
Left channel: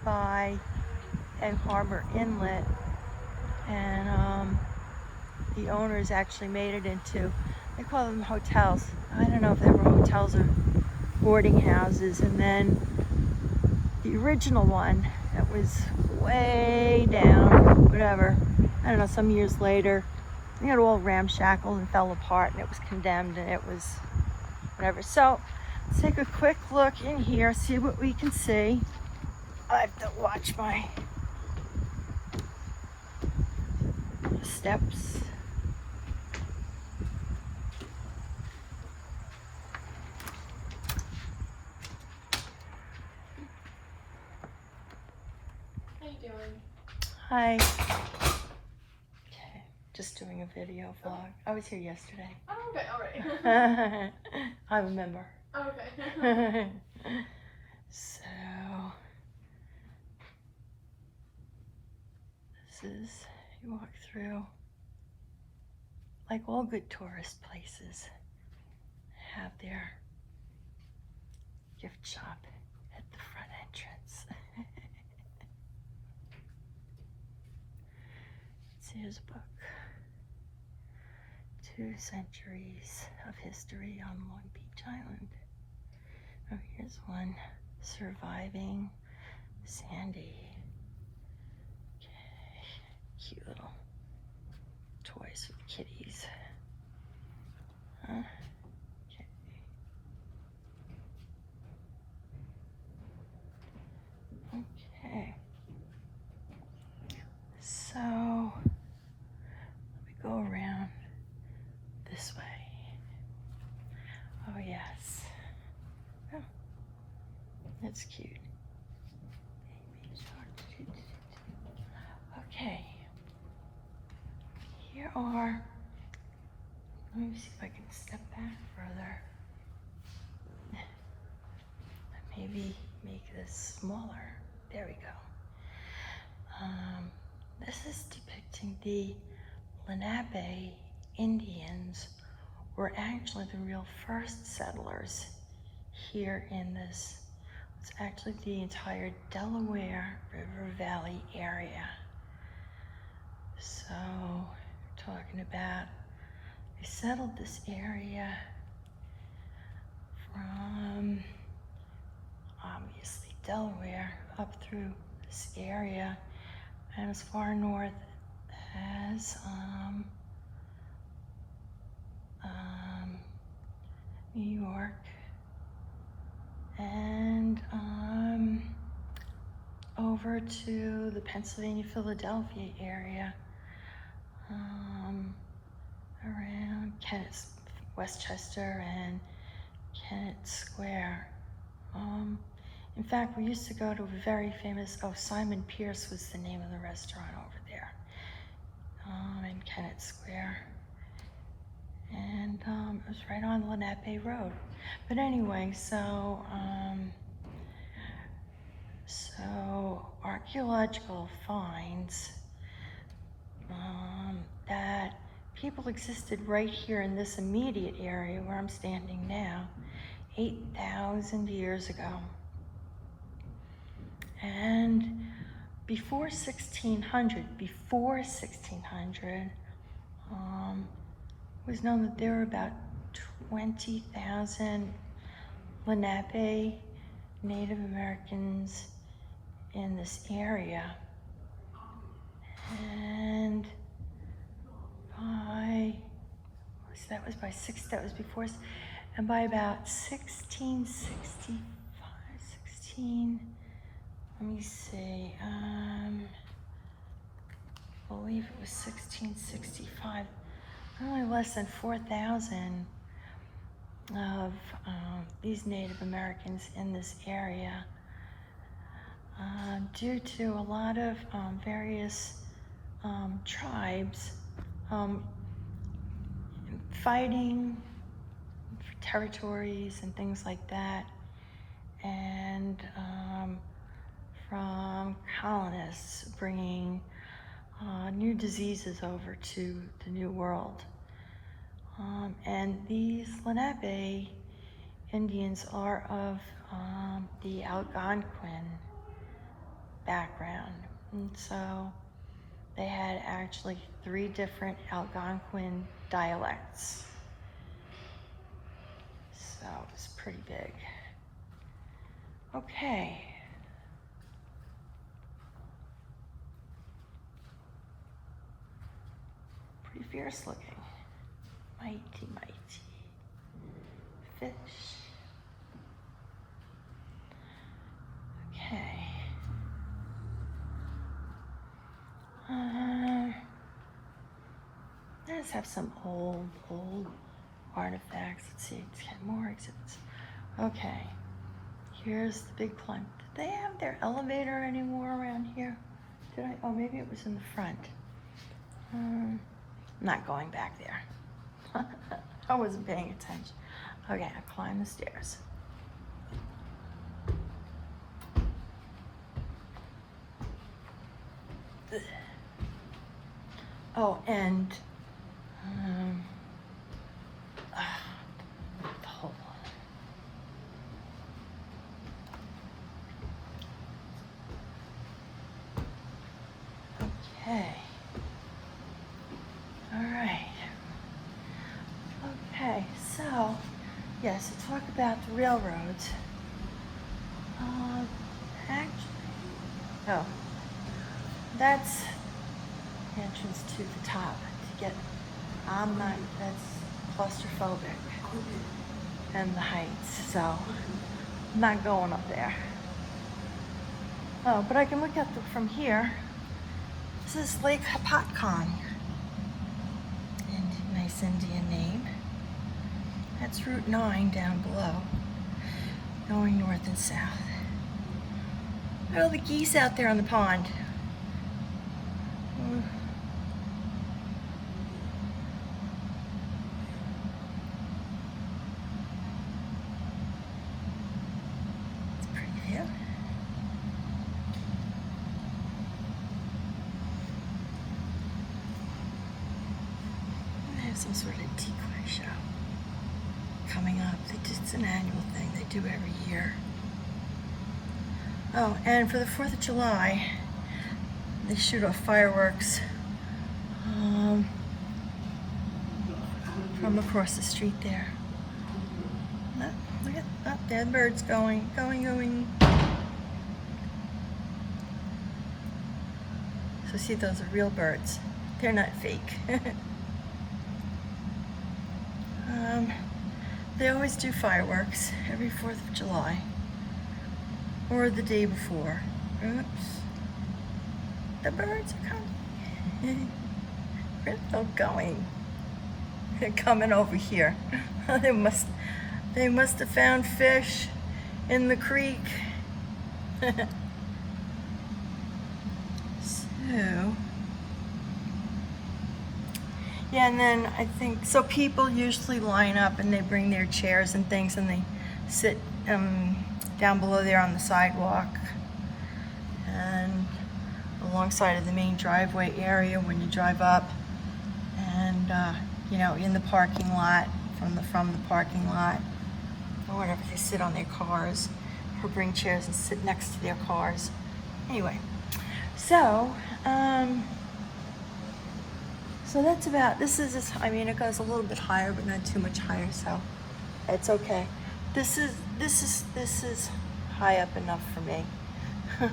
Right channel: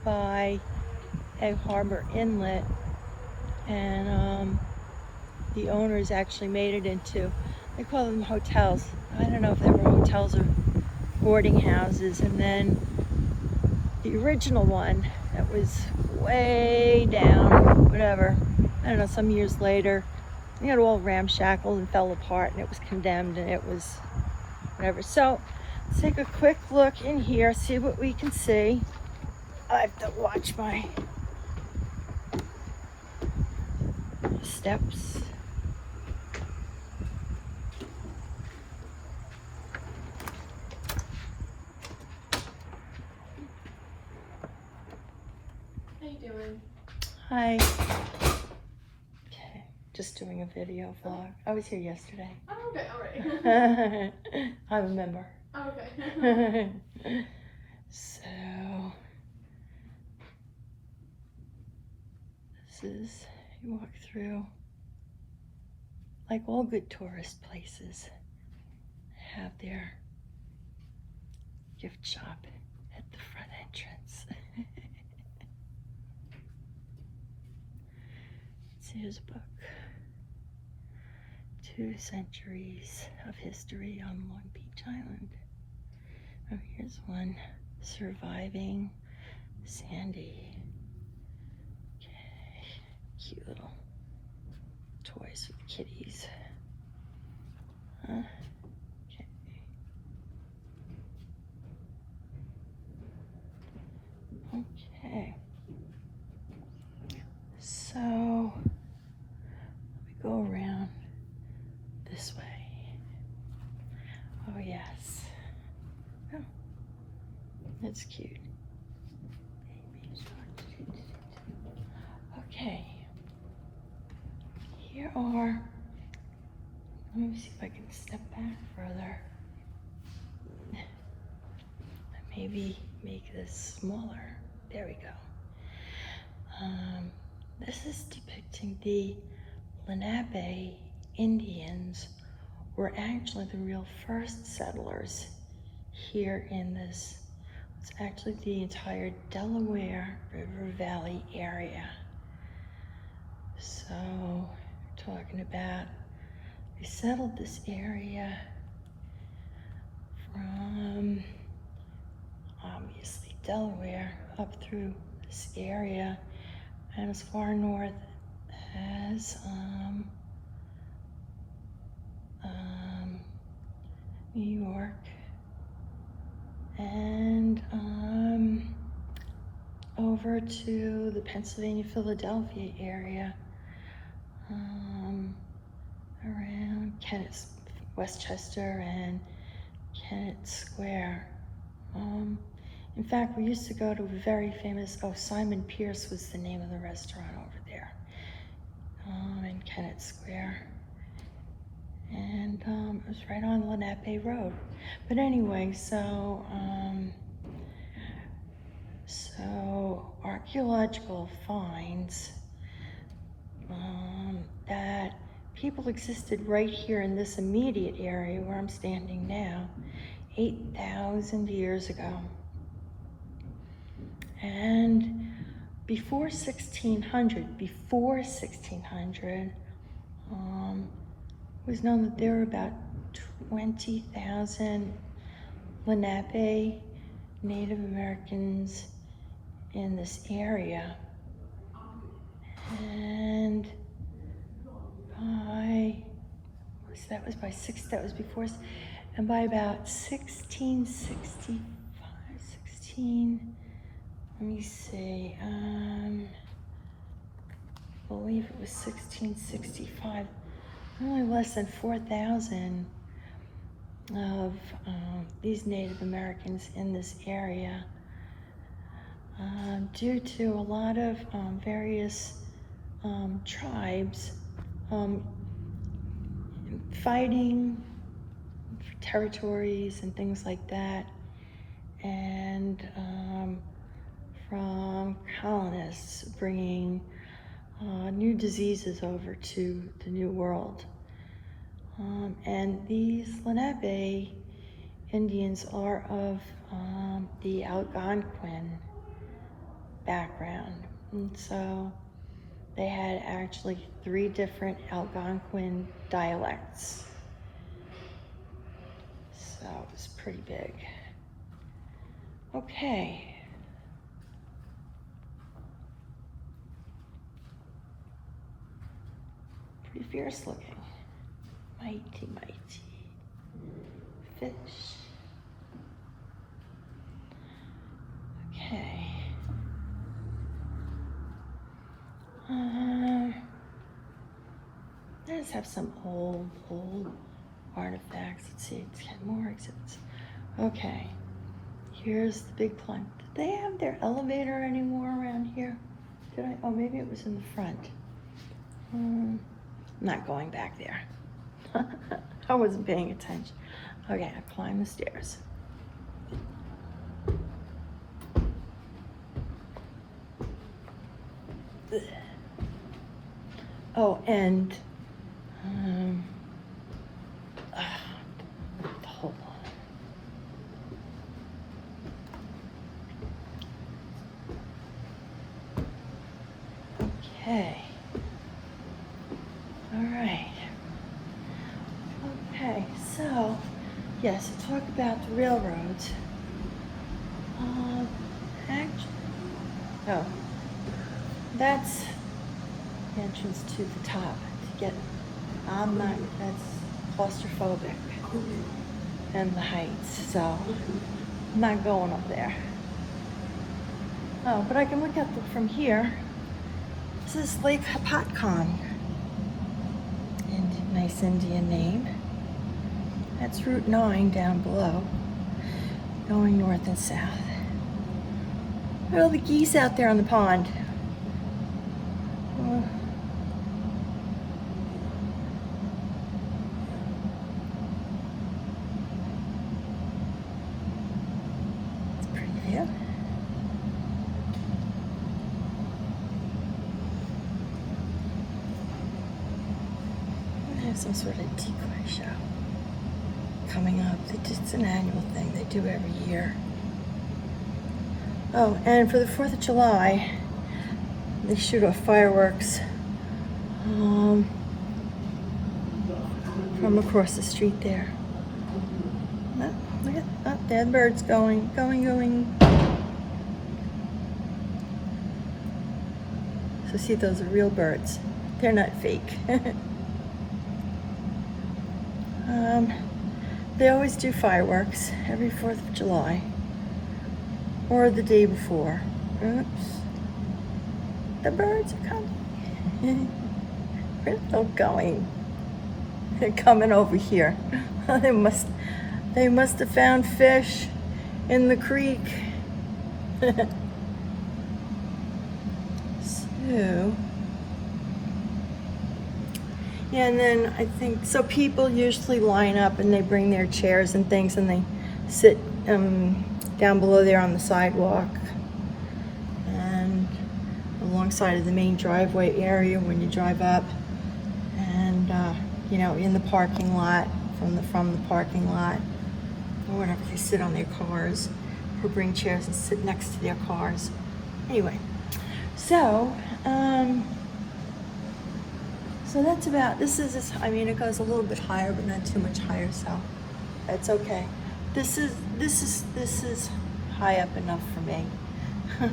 by a harbor inlet, and the owners actually made it into, they call them hotels. I don't know if they were hotels or boarding houses. And then the original one that was way down, whatever, I don't know, some years later, they got all ramshackled and fell apart, and it was condemned, and it was whatever. So let's take a quick look in here, see what we can see. I have to watch my steps. How you doing? Hi. Okay, just doing a video vlog. I was here yesterday. Oh, okay, alright. I remember. Oh, okay. So, this is, you walk through, like all good tourist places, have their gift shop at the front entrance. So here's a book. 2 centuries of history on Long Beach Island. Oh, here's one. Surviving Sandy. Okay, cute little toys for the kitties. Okay. Okay. So we go around this way. Oh yes. Oh, that's cute. Okay. Here are, let me see if I can step back further. Maybe make this smaller. There we go. This is depicting the Lenape Indians were actually the real first settlers here in this. It's actually the entire Delaware River Valley area. So we're talking about, they settled this area from obviously Delaware up through this area and as far north as New York and over to the Pennsylvania-Philadelphia area, around Kennett, Westchester and Kennett Square. In fact, we used to go to a very famous, Simon Pierce was the name of the restaurant over there, in Kennett Square. And it was right on Lenape Road. But anyway, so archaeological finds that people existed right here in this immediate area where I'm standing now, 8,000 years ago. And before 1600, it was known that there were about 20,000 Lenape Native Americans in this area. And that was before, and by about 1665, let me see, I believe it was 1665, only less than 4,000 of these Native Americans in this area, due to a lot of various tribes fighting for territories and things like that, and from colonists bringing new diseases over to the New World. And these Lenape Indians are of the Algonquin background. And so they had actually 3 different Algonquin dialects. So it was pretty big. Okay. Pretty fierce looking. Mighty, mighty fish. Okay. Let's have some old artifacts. Let's see, it's got more exhibits. Okay, here's the big plant. Did they have their elevator anymore around here? Did I? Oh, maybe it was in the front. I'm not going back there. I wasn't paying attention. Okay, I climb the stairs. Oh, and the hole. Okay. All right. Okay, so yes, to talk about the railroads. Actually, oh, that's the entrance to the top to get. I'm not. That's claustrophobic, and the heights. So I'm not going up there. Oh, but I can look at it from here. This is Lake Hopatcong. And nice Indian name. That's Route 9 down below, going north and south. Look at all the geese out there on the pond. It's a pretty view. They have some sort of decoy show coming up. It's an annual thing they do every year. Oh, and for the 4th of July, they shoot off fireworks from across the street there. Oh, look at that, there the birds going. So see, those are real birds. They're not fake. They always do fireworks every 4th of July. Or the day before. Oops. The birds are coming. Where's they going? They're coming over here. They must have found fish in the creek. So yeah, and then I think so people usually line up and they bring their chairs and things and they sit down below there on the sidewalk and alongside of the main driveway area when you drive up, and you know, in the parking lot, from the parking lot or whatever, they sit on their cars or bring chairs and sit next to their cars. Anyway, so so that's about, this is, I mean, it goes a little bit higher but not too much higher, so it's okay. This is high up enough for me. So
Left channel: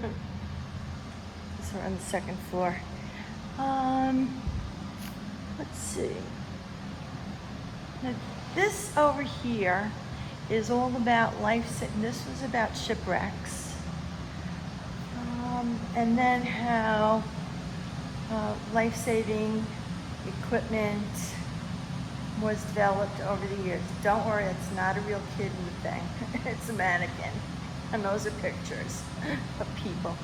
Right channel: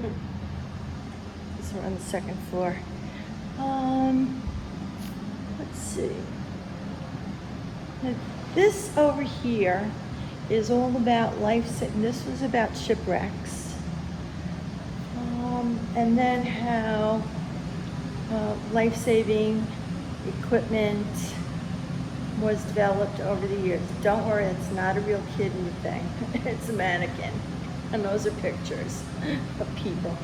we're on the 2nd floor. Let's see. This over here is all about this was about shipwrecks. And then how life-saving equipment was developed over the years. Don't worry, it's not a real kid in the thing. It's a mannequin. And those are pictures of people.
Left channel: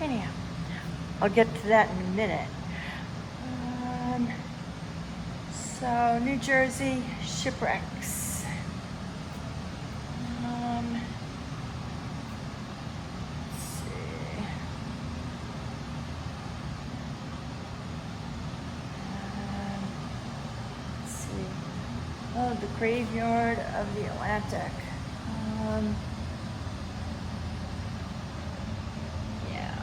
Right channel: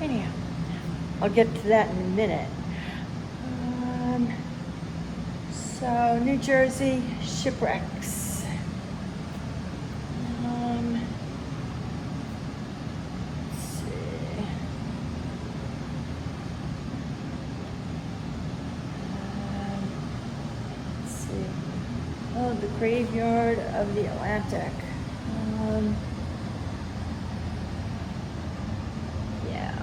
Anyhow, I'll get to that in a minute. So, New Jersey Shipwrecks. Let's see. Oh, the graveyard of the Atlantic. Yeah.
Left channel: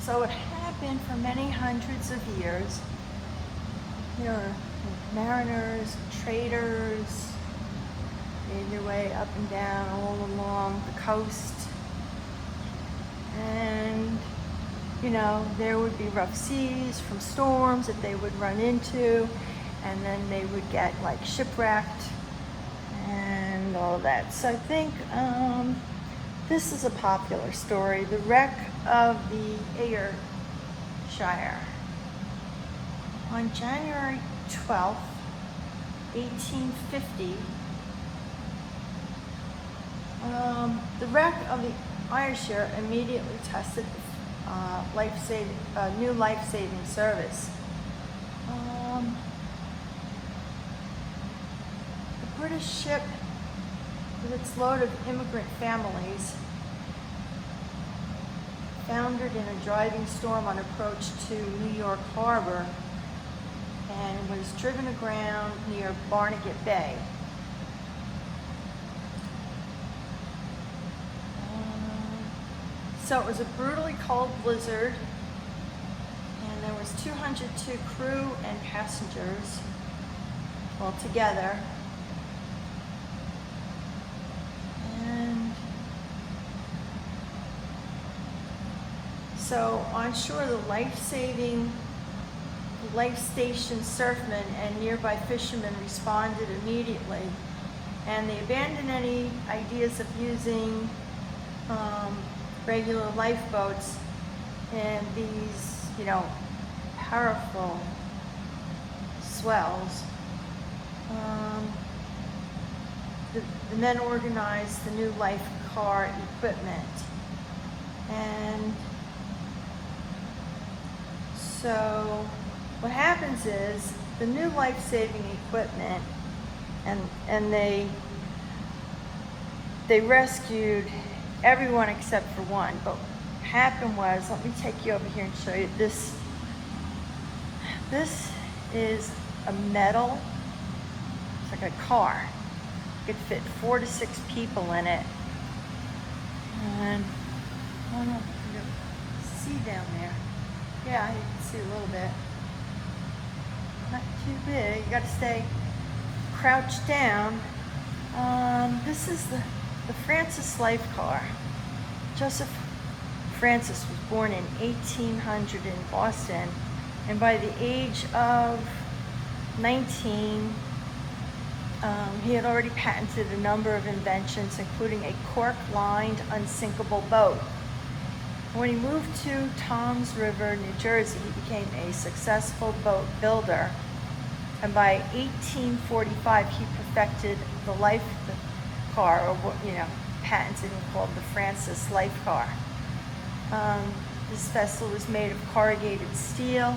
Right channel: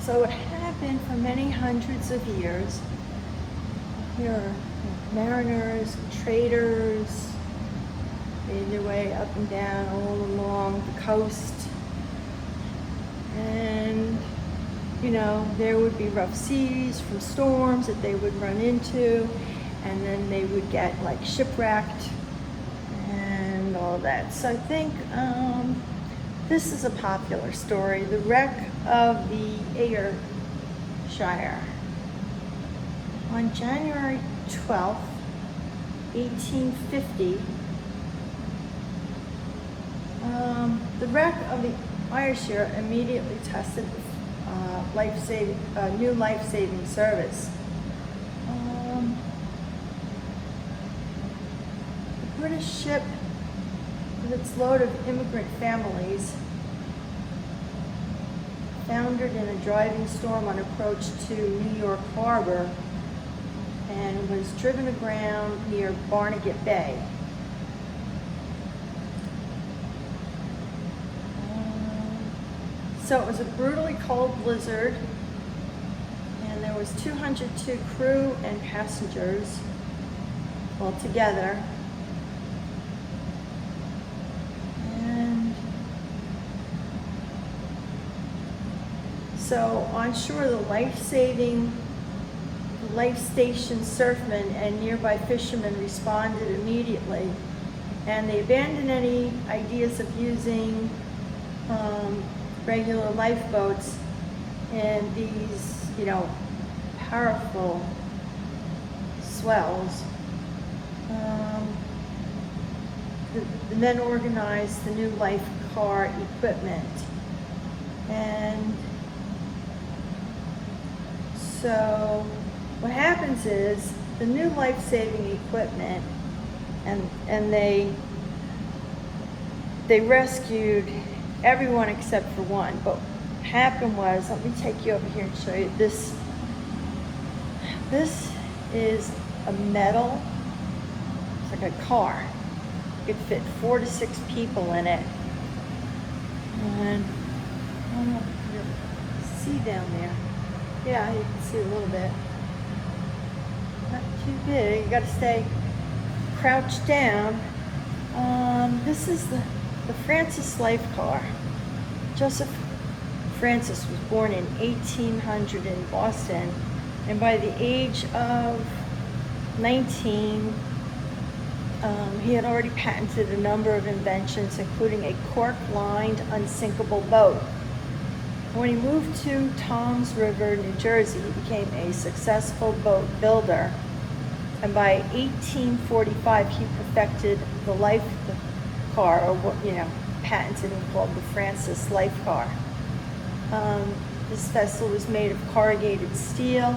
So it happened for many hundreds of years. There are mariners, traders, made their way up and down all along the coast. And you know, there would be rough seas from storms that they would run into, and then they would get like shipwrecked and all that. So I think this is a popular story, the wreck of the Air Shire. On January 12th, 1850, the wreck of the Air Shire immediately tested the new life-saving service. The British ship, with its load of immigrant families, foundered in a driving storm on approach to New York Harbor and was driven aground near Barnegat Bay. So it was a brutally cold blizzard, and there was 202 crew and passengers altogether. And so on shore, the life station surfmen and nearby fishermen responded immediately, and they abandoned any ideas of using regular lifeboats and these, you know, powerful swells. The men organized the new life car equipment, and so what happens is the new life-saving equipment, and they rescued everyone except for one. But what happened was, let me take you over here and show you this. This is a metal, it's like a car. You could fit 4 to 6 people in it. And I don't know if you can see down there. Yeah, you can see a little bit. Not too big. You got to stay crouched down. This is the Francis life car. Joseph Francis was born in 1800 in Boston, and by the age of 19, he had already patented a number of inventions, including a cork-lined, unsinkable boat. When he moved to Toms River, New Jersey, he became a successful boat builder, and by 1845, he perfected the life car, or what, you know, patented and called the Francis life car. This vessel was made of corrugated steel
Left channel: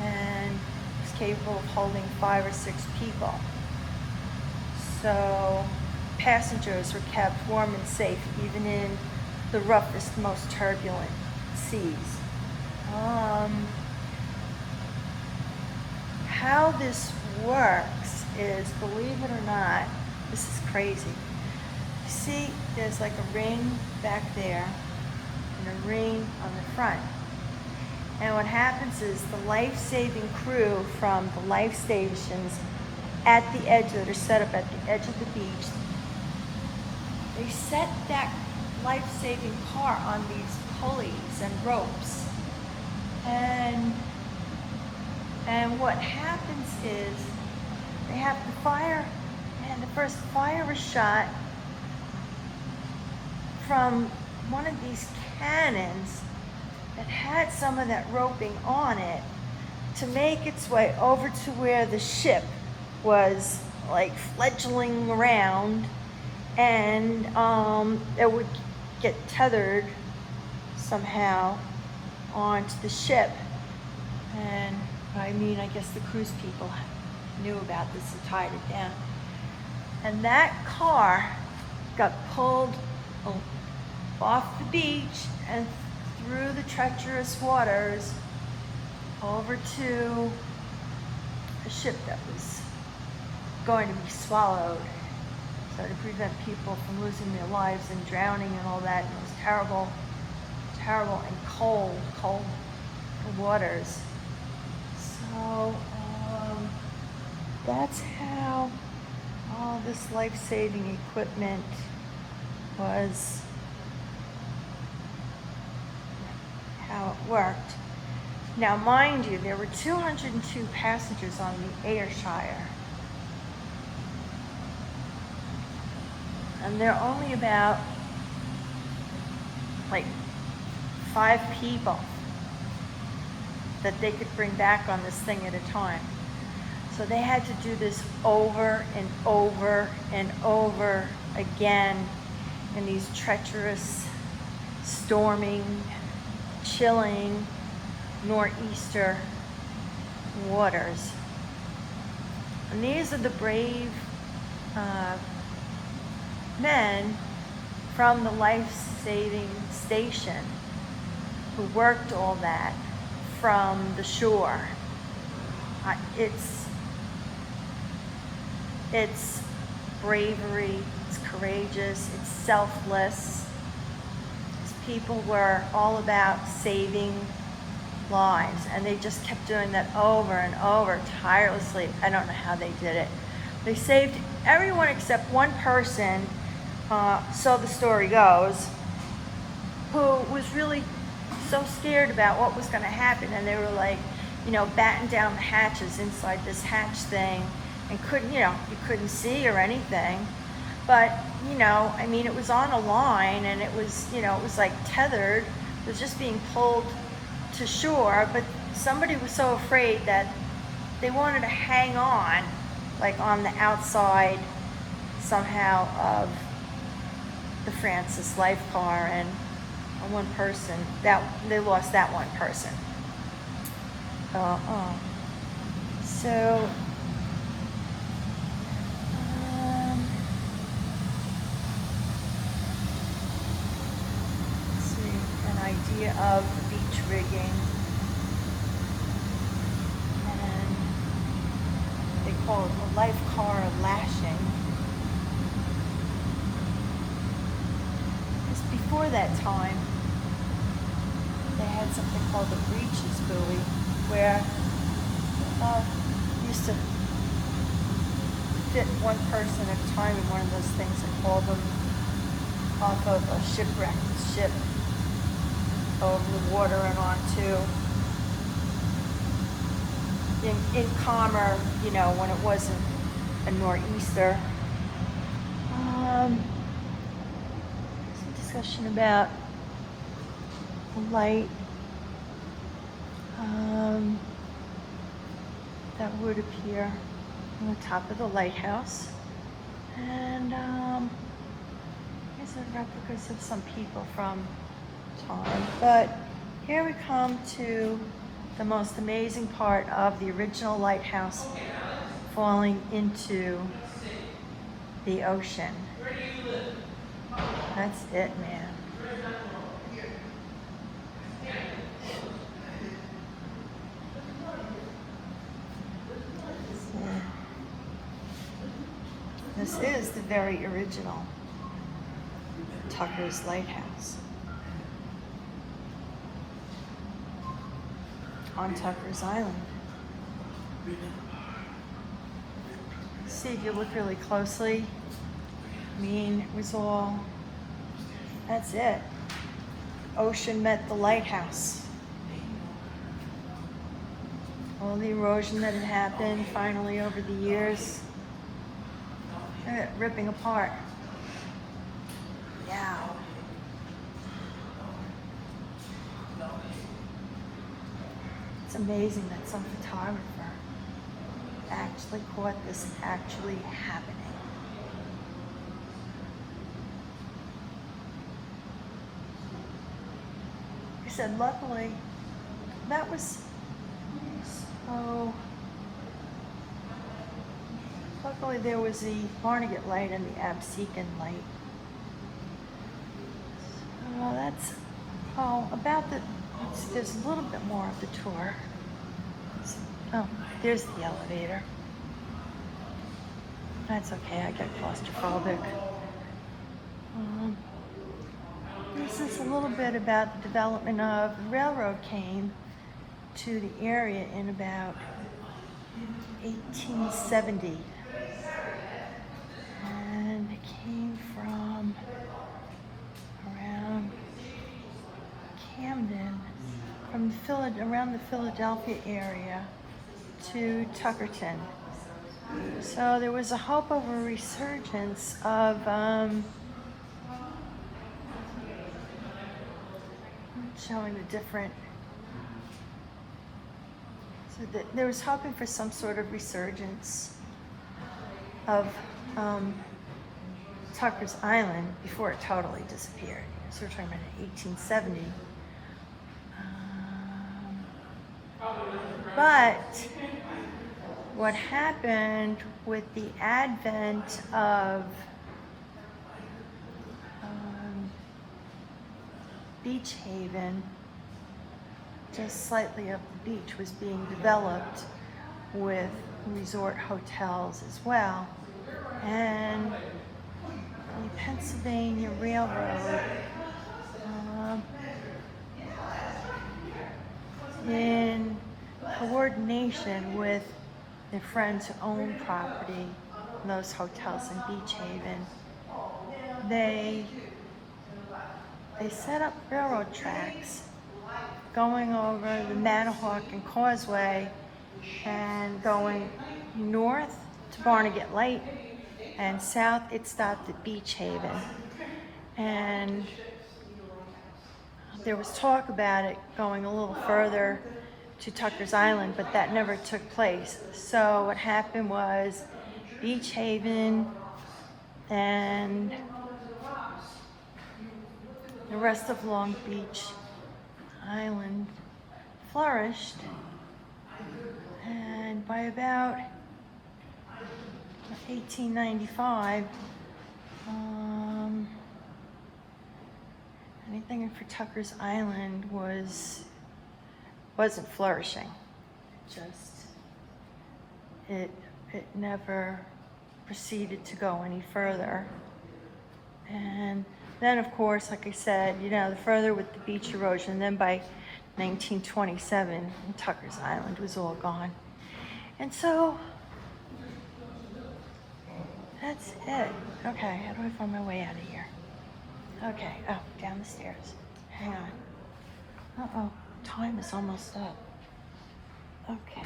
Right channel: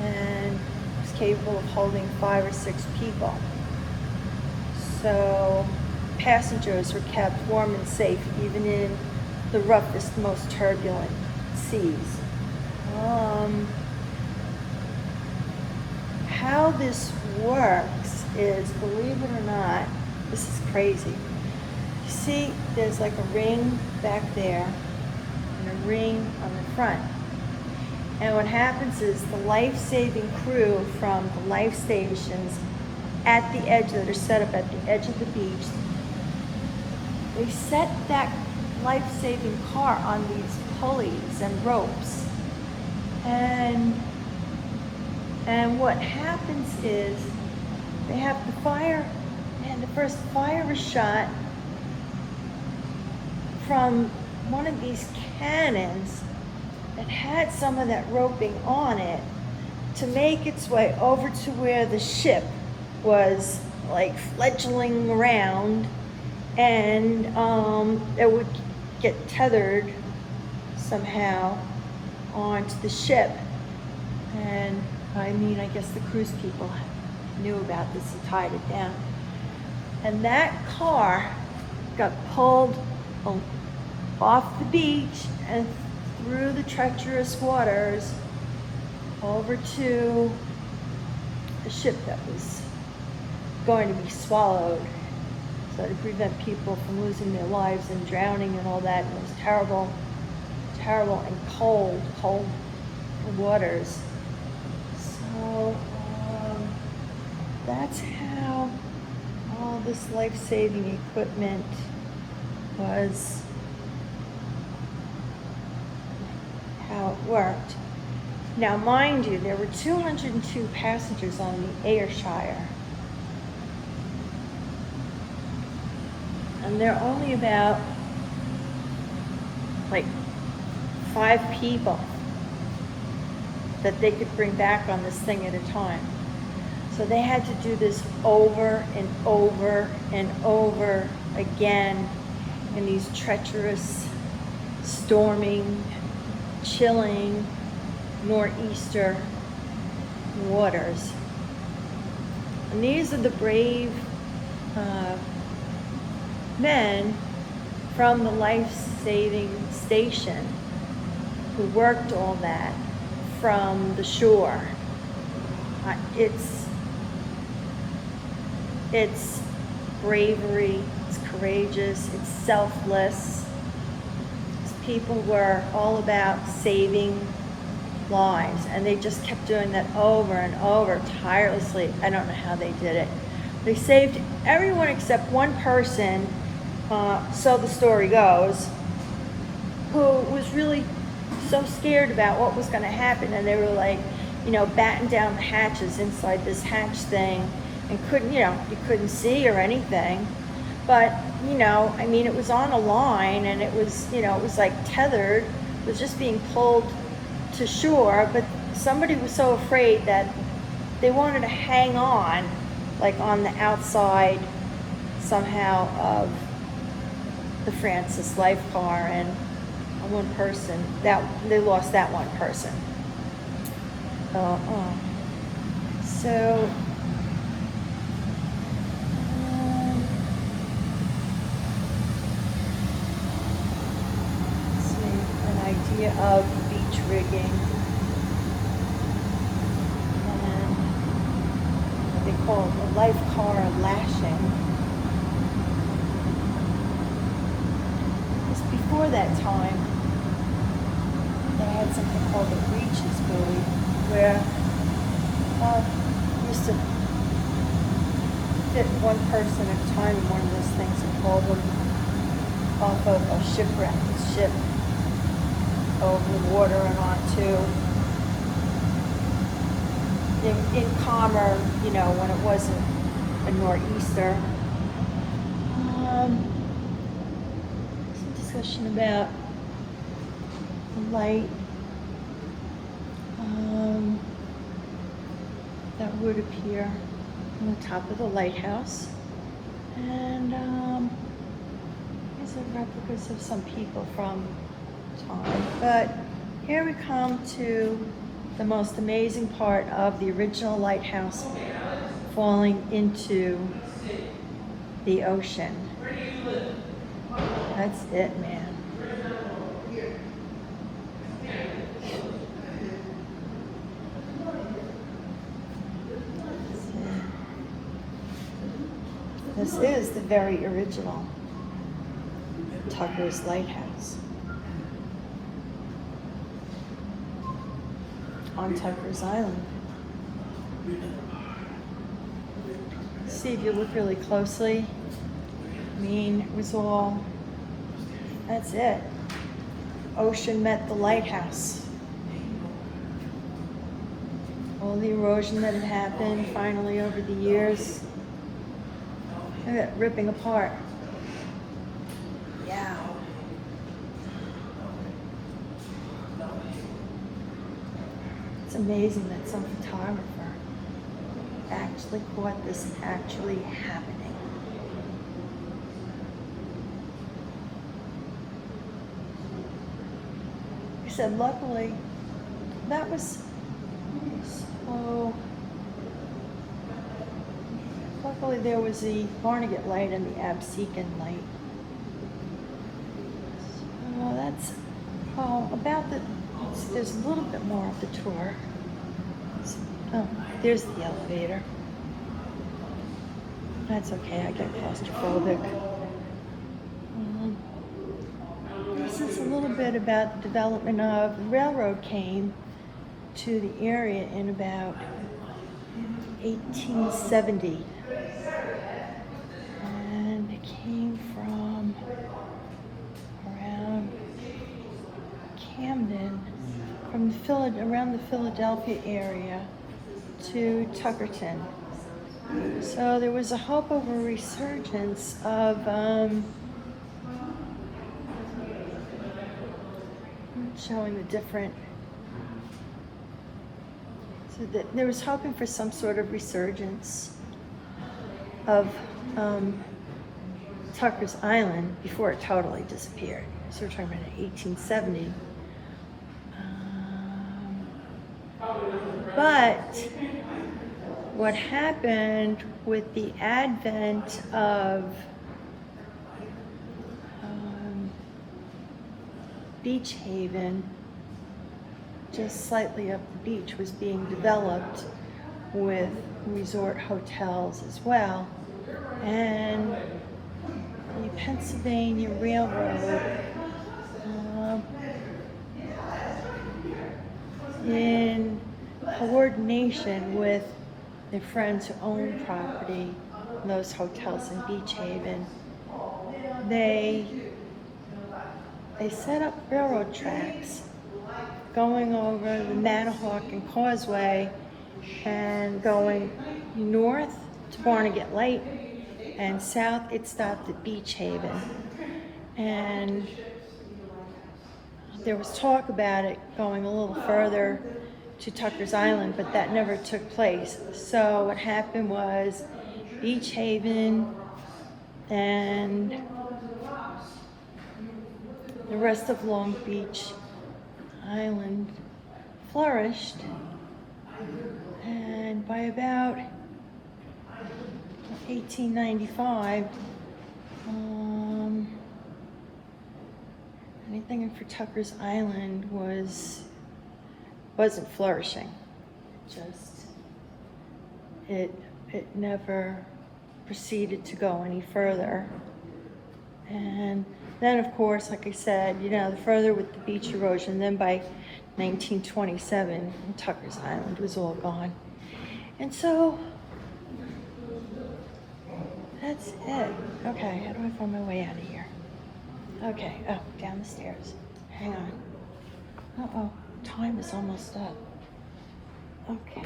and was capable of holding 5 or 6 people. So passengers were kept warm and safe even in the roughest, most turbulent seas. How this works is, believe it or not, this is crazy. You see, there's like a ring back there and a ring on the front. And what happens is the life-saving crew from the life stations at the edge, that are set up at the edge of the beach, they set that life-saving car on these pulleys and ropes. And what happens is they have the fire, and the first fire was shot from one of these cannons that had some of that roping on it to make its way over to where the ship was like fledgling around, and it would get tethered somehow onto the ship. And I mean, I guess the cruise people knew about this and tied it down. And that car got pulled off the beach and through the treacherous waters over to a ship that was going to be swallowed, so to prevent people from losing their lives and drowning and all that. And it was terrible, terrible and cold waters. So that's how all this life-saving equipment was worked. Now, mind you, there were 202 passengers on the Air Shire. And there are only about like 5 people that they could bring back on this thing at a time. So they had to do this over and over and over again in these treacherous, storming, chilling, nor'easter waters. And these are the brave men from the life-saving station who worked all that from the shore. It's bravery, it's courageous, it's selfless. These people were all about saving lives, and they just kept doing that over and over tirelessly. I don't know how they did it. They saved everyone except one person, so the story goes, who was really so scared about what was going to happen, and they were like, batten down the hatches inside this hatch thing, and couldn't, you couldn't see or anything. But, it was on a line, and it was, it was like tethered. It was just being pulled to shore, but somebody was so afraid that they wanted to hang on, like on the outside somehow of the Francis life car, and one person, they lost that one person. So let's see, an idea of beach rigging, and they call it a life car lashing. Because before that time, they had something called the breeches buoy, where used to fit one person at a time in one of those things and pull them off of a shipwrecked ship over the water and onto in calmer, when it wasn't a nor'easter. Some discussion about light that would appear on the top of the lighthouse, and these are replicas of some people from time. But here we come to the most amazing part of the original lighthouse falling into the ocean. That's it, man. This is the very original Tucker's Lighthouse on Tucker's Island. See, if you look really closely, it was all, that's it. Ocean met the lighthouse. All the erosion that had happened finally over the years, ripping apart. Yeah. It's amazing that some photographer actually caught this actually happening. He said, luckily, that was so. Luckily, there was the Barnegat light and the Absecon light. So that's about the. There's a little bit more of the tour. So, there's the elevator. That's okay. I get claustrophobic. This is a little bit about the development of the railroad. Came to the area in about 1870. And it came from around Camden, from around the Philadelphia area to Tuckerton. So there was a hope of a resurgence of showing the different. So that there was hoping for some sort of resurgence of Tucker's Island before it totally disappeared. So we're talking about 1870. But what happened with the advent of Beach Haven, just slightly up the beach, was being developed with resort hotels as well. And the Pennsylvania Railroad, in coordination with their friends who own property in those hotels in Beach Haven, they set up railroad tracks going over the Manahawkin Causeway and going north to Barnegat Light, and south it stopped at Beach Haven. And there was talk about it going a little further to Tucker's Island, but that never took place. So what happened was Beach Haven and the rest of Long Beach Island flourished, and by about 1895, anything for Tucker's Island wasn't flourishing. It never proceeded to go any further. And then, of course, like I said, the further with the beach erosion, then by 1927, Tucker's Island was all gone. And so, that's it. Okay, how do I find my way out of here? Okay, oh, down the stairs. Hang on. Uh-oh, time is almost up. Okay.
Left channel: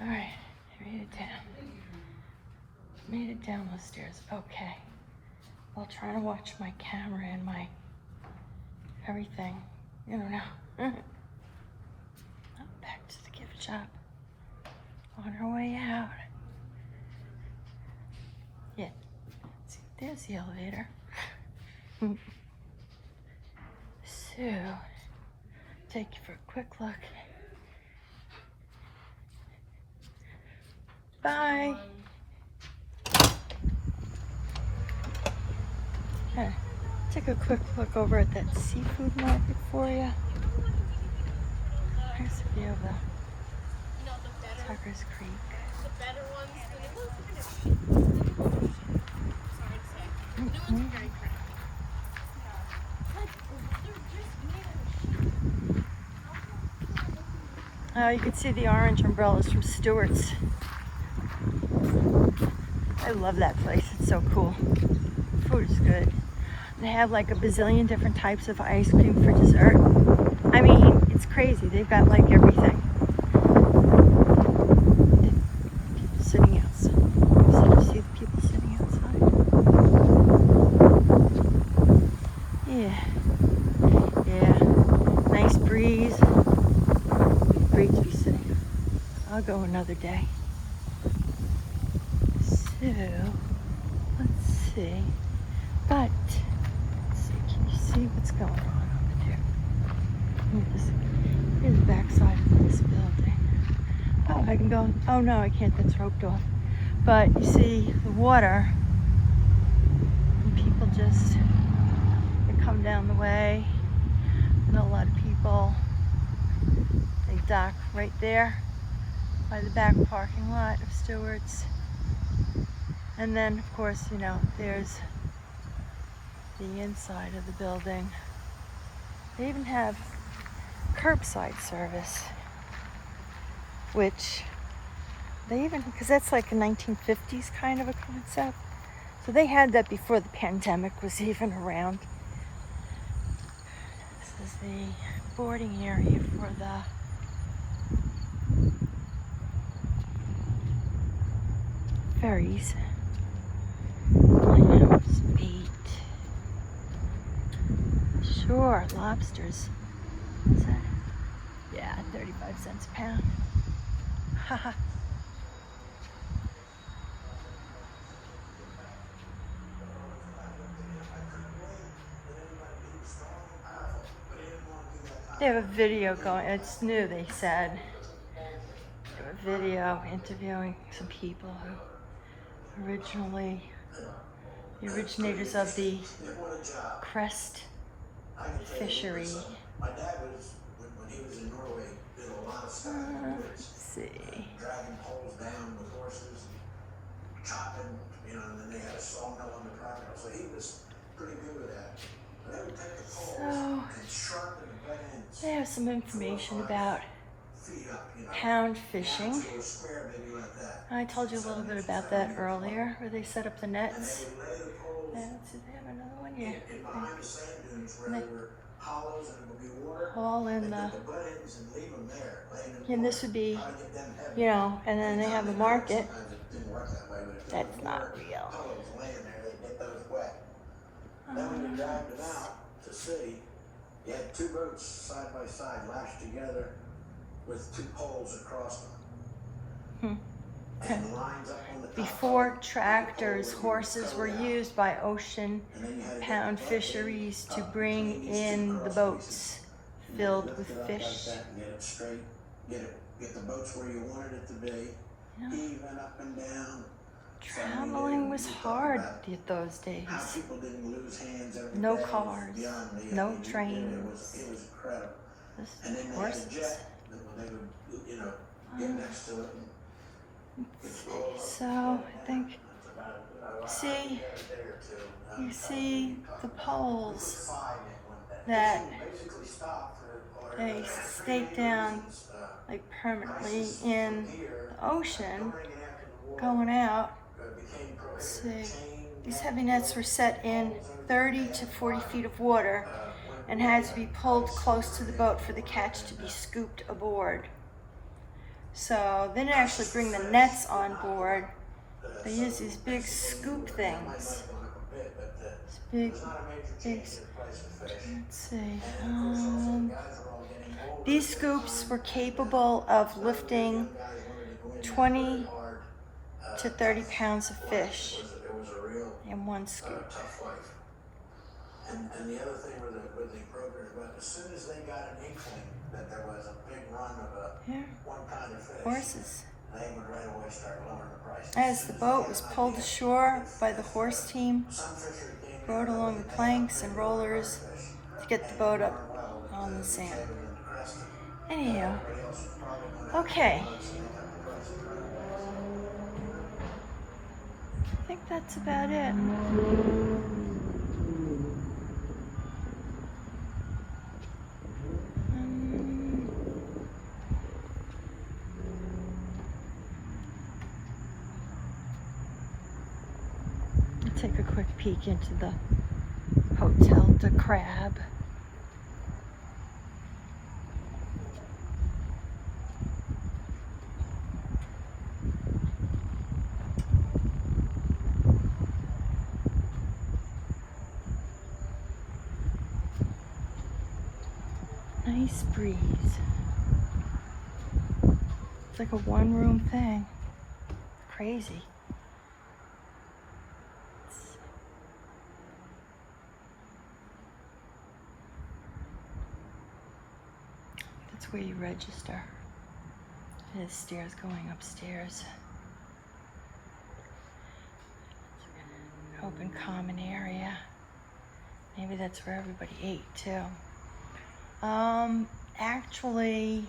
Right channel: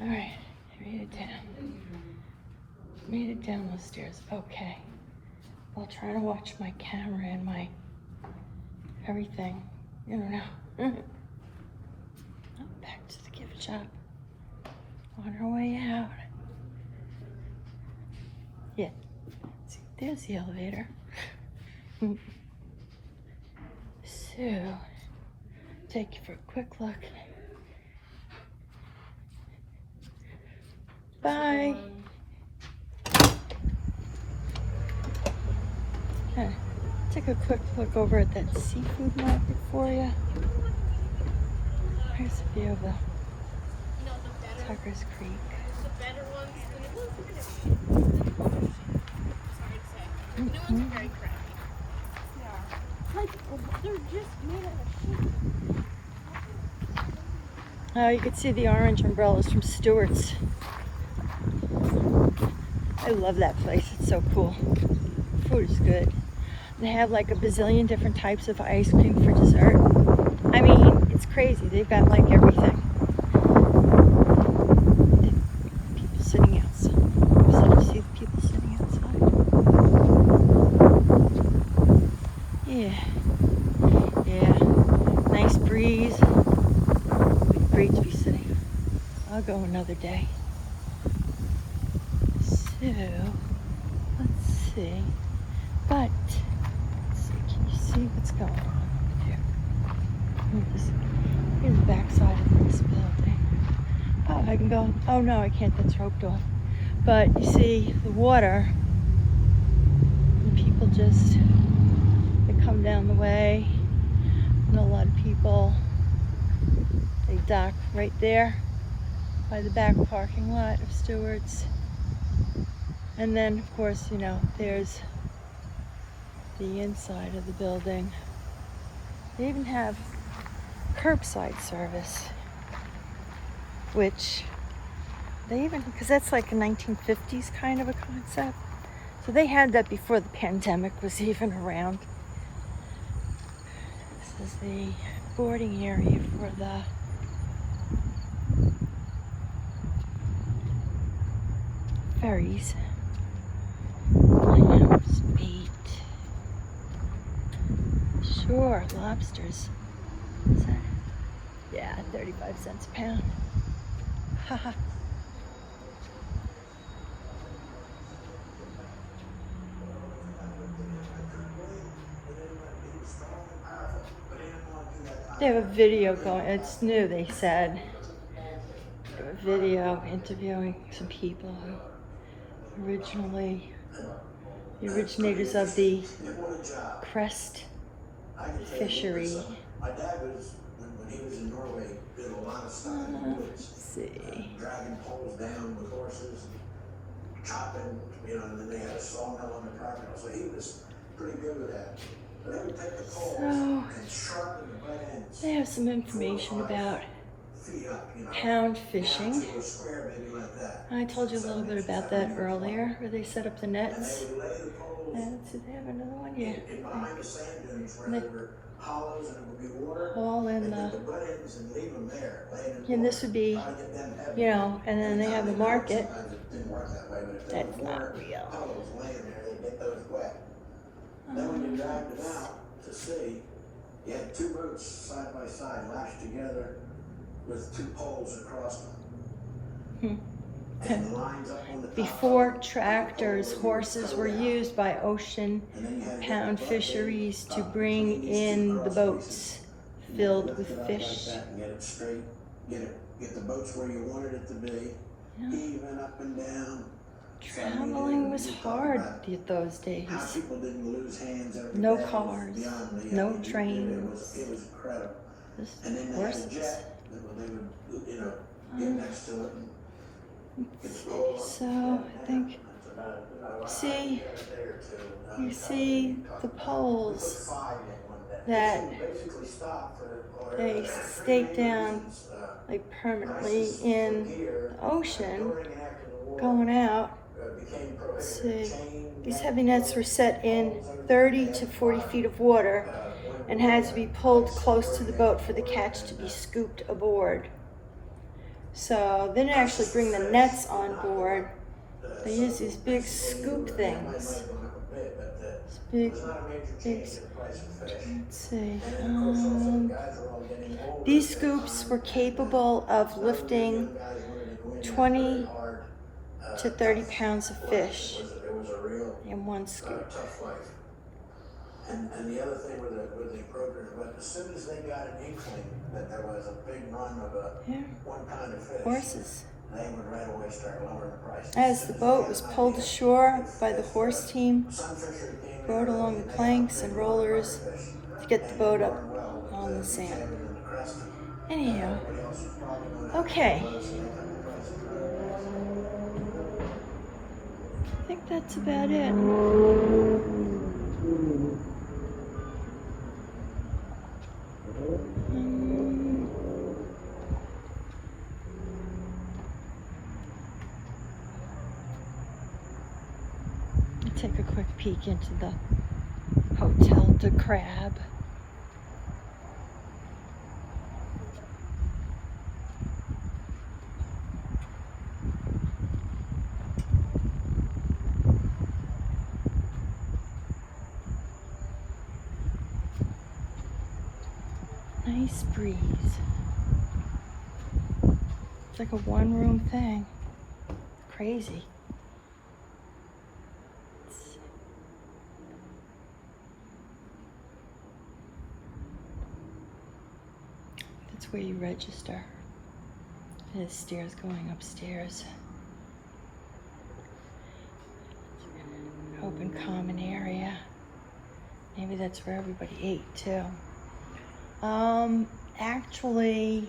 All right, made it down those stairs. Okay, while trying to watch my camera and my everything, now. Oh, back to the gift shop. On our way out. Yeah, see, there's the elevator. So, take you for a quick look. Bye. Take a quick look over at that seafood market for you. Here's a view of the Tucker's Creek. The better ones than it was. Sorry to say. New ones are very crappy. Yeah. Like, they're just made of sheep. Oh, you can see the orange umbrellas from Stewart's. I love that place. It's so cool. Food is good. They have like a bazillion different types of ice cream for dessert. I mean, it's crazy. They've got like everything. People sitting outside. So you see the people sitting outside? Yeah. Nice breeze. Great to be sitting. I'll go another day. So, let's see. But, let's see, can you see what's going on over there? Here's the back side of this building. Oh, I can go. Oh no, I can't. That's roped off. But you see the water, and people they come down the way, and a lot of people, they dock right there by the back parking lot of Stewart's. And then, of course, there's the inside of the building. They even have curbside service, which they even, because that's like a 1950s kind of a concept. So they had that before the pandemic was even around. This is the boarding area for the ferries. Clams, bait. Sure, lobsters. What's that? Yeah, 35 cents a pound. Haha. They have a video going, it's new, they said. They have a video interviewing some people who the originators of the crest fishery. My dad was, when he was in Norway, did a lot of stuff in the woods. Let's see. Dragging poles down with horses, chopping, you know, and then they had a sawmill on the property. So he was pretty good with that. But they would take the poles and sharpen the butt ends. They have some information about Feet up, you know. pound fishing. Little square, maybe like that. I told you a little bit about that earlier, where they set up the And nets. they would lay the poles And so they have another one here. in behind the sand dunes where there were hollows and it would be water. All in They the, get the butt ends and leave them there, laying in and this would be, Try to get them heavy. you know, and then they have a market. Sometimes it didn't work that way, but if there That's was not water, real. hollows laying there, they'd get those wet. Then when you dragged it out to sea, you had two boats side by side lashed together with two poles across them. And lines up on the top. Before tractors, horses were used by ocean And then you had to get pound the butt fisheries end to up bring between these two in the cross boats pieces. filled Lift with it up fish. like that and get it straight, get the boats where you wanted it to be, Yeah. even up and down. Traveling was hard those days. How people didn't lose hands every No day was cars, beyond me. no I mean, trains. It was incredible. This And then they had a horses. jet that they would, you know, get next to it and get the pole up. So I think, see, you see the poles that they stake down like permanently in the ocean going out. Let's see, these heavy nets were set in 30 to 40 feet of water and had to be pulled close to the boat for the catch to be scooped aboard. So they didn't actually bring the nets on board. They use these big scoop things. These big, let's see. These scoops were capable of lifting 20 to 30 pounds of fish in one scoop. And the other thing with the brokers, but as soon as they got an inkling that there was a big run of one kind of fish, Horses. they would right away start lowering the price. As the boat was pulled ashore by the horse team, rowed along the planks and rollers to get the boat up on the sand. Anyhow, okay. I think that's about it. Take a quick peek into the Hotel de Crab. Nice breeze. It's like a one-room thing. Crazy. That's where you register. There's stairs going upstairs. Open common area. Maybe that's where everybody ate too. Actually, like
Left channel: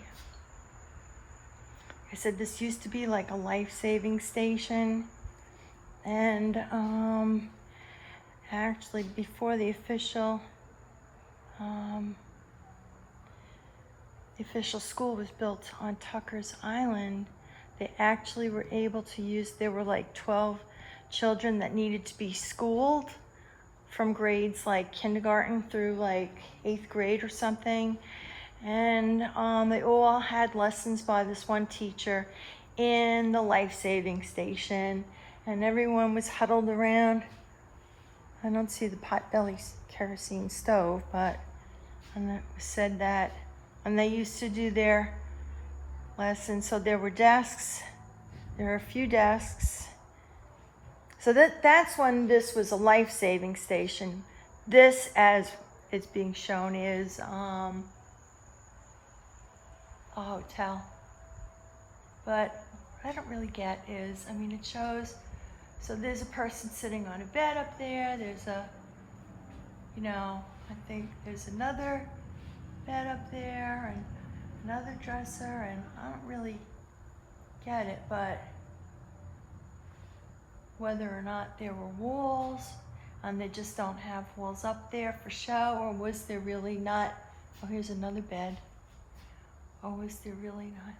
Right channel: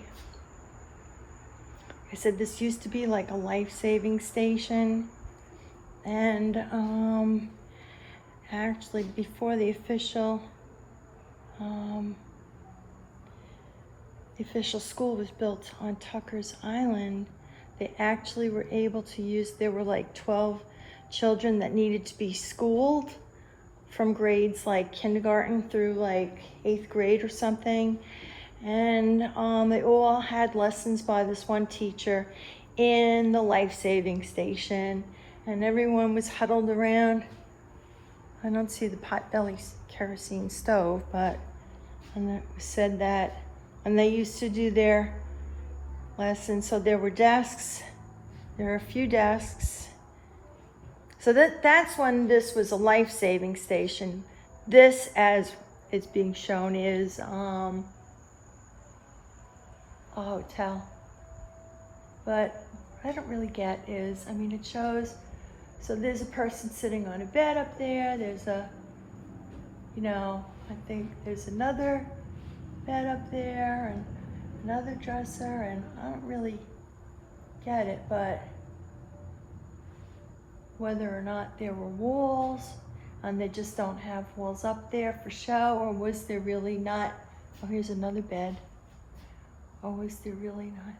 I said, this used to be like a life-saving station, and Actually, before the official school was built on Tucker's Island, they actually were able to use, there were like 12 children that needed to be schooled from grades like kindergarten through like 8th grade or something. And they all had lessons by this one teacher in the life-saving station. And everyone was huddled around. I don't see the potbelly kerosene stove, but and it said that, and they used to do their lessons. So there were desks. There are a few desks. So that's when this was a life-saving station. This, as it's being shown, is a hotel. But what I don't really get is, I mean, it shows, so there's a person sitting on a bed up there. There's a, you know, I think there's another bed up there and another dresser, and I don't really get it, but whether or not there were walls and they just don't have walls up there for show, or was there really not, oh, here's another bed, or was there really not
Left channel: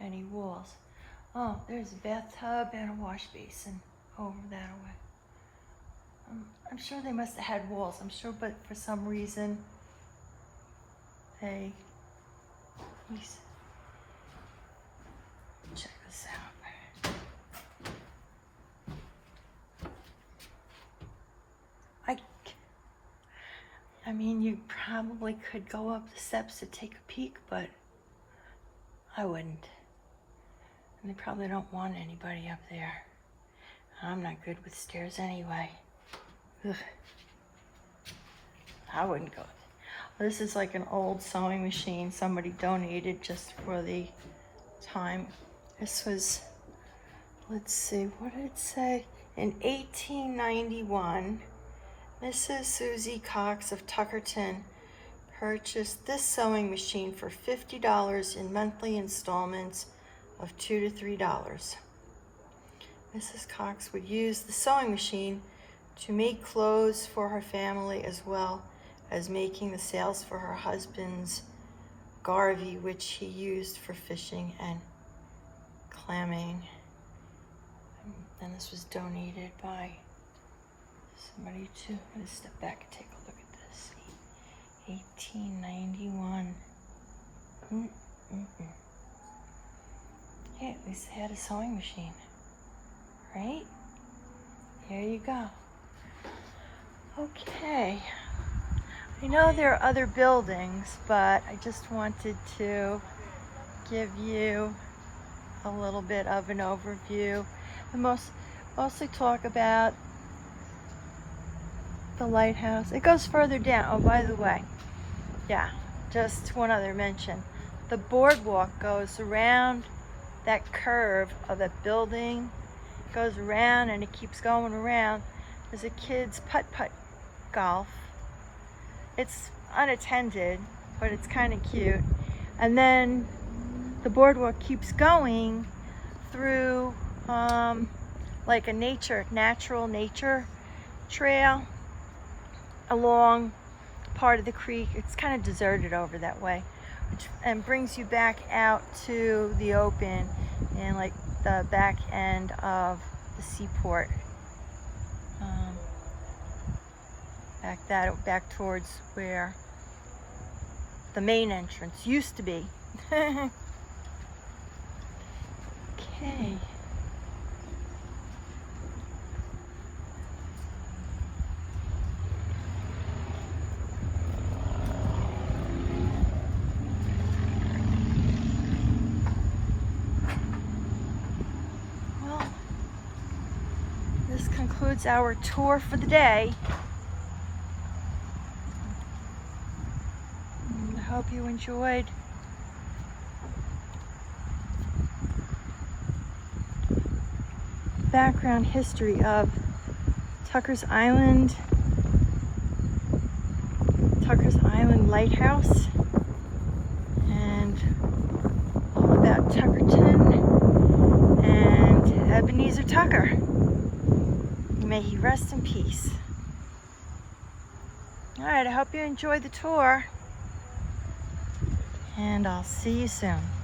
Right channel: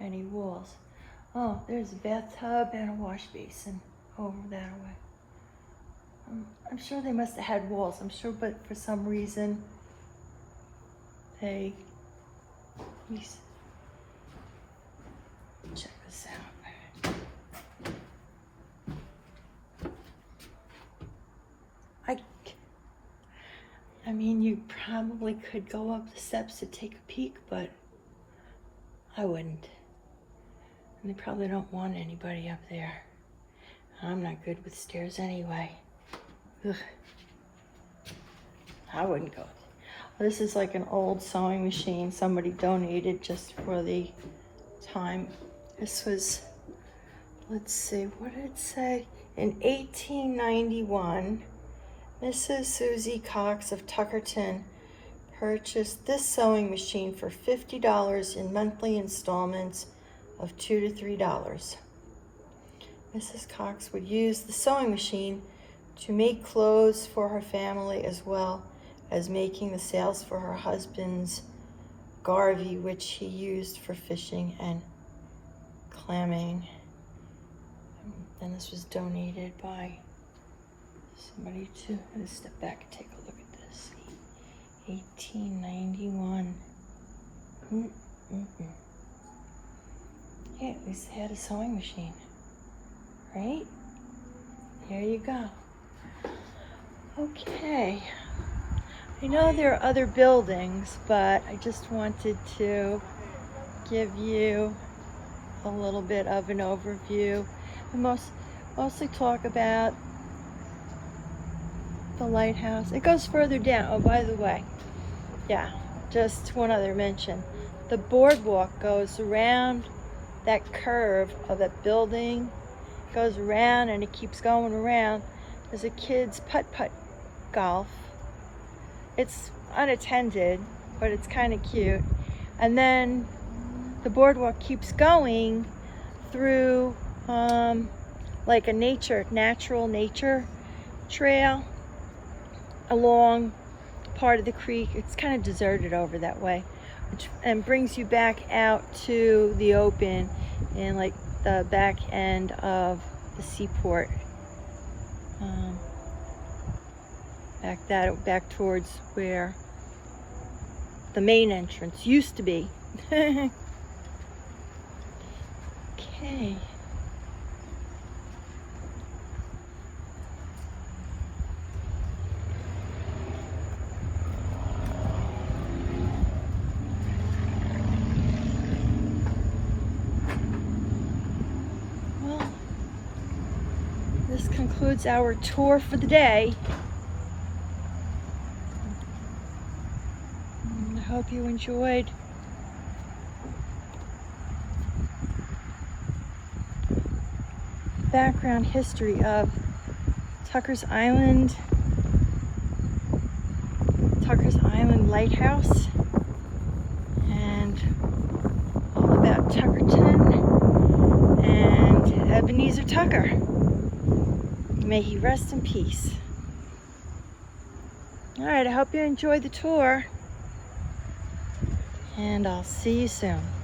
any walls? Oh, there's a bathtub and a wash basin over that way. I'm sure they must have had walls, I'm sure, but for some reason they, check this out. I mean, you probably could go up the steps to take a peek, but I wouldn't. And they probably don't want anybody up there. I'm not good with stairs anyway. Ugh. I wouldn't go. This is like an old sewing machine somebody donated just for the time. This was, let's see, what did it say? In 1891, Mrs. Susie Cox of Tuckerton purchased this sewing machine for $50 in monthly installments of $2 to $3. Mrs. Cox would use the sewing machine to make clothes for her family, as well as making the sails for her husband's garvey, which he used for fishing and clamming. And this was donated by somebody too. I'm gonna step back and take a look at this. 1891. Yeah, at least they had a sewing machine, right? There you go. Okay. I know there are other buildings, but I just wanted to give you a little bit of an overview and mostly talk about the lighthouse. It goes further down. Oh, by the way, yeah, just one other mention. The boardwalk goes around that curve of that building, goes around and it keeps going around. There's a kid's putt-putt golf. It's unattended, but it's kind of cute. And then the boardwalk keeps going through like a natural nature trail along part of the creek. It's kind of deserted over that way, and brings you back out to the open and like the back end of the seaport. Back towards where the main entrance used to be. Okay. Well, this concludes our tour for the day. I hope you enjoyed. Background history of Tucker's Island Lighthouse, and all about Tuckerton and Ebenezer Tucker. May he rest in peace. All right, I hope you enjoyed the tour. And I'll see you soon.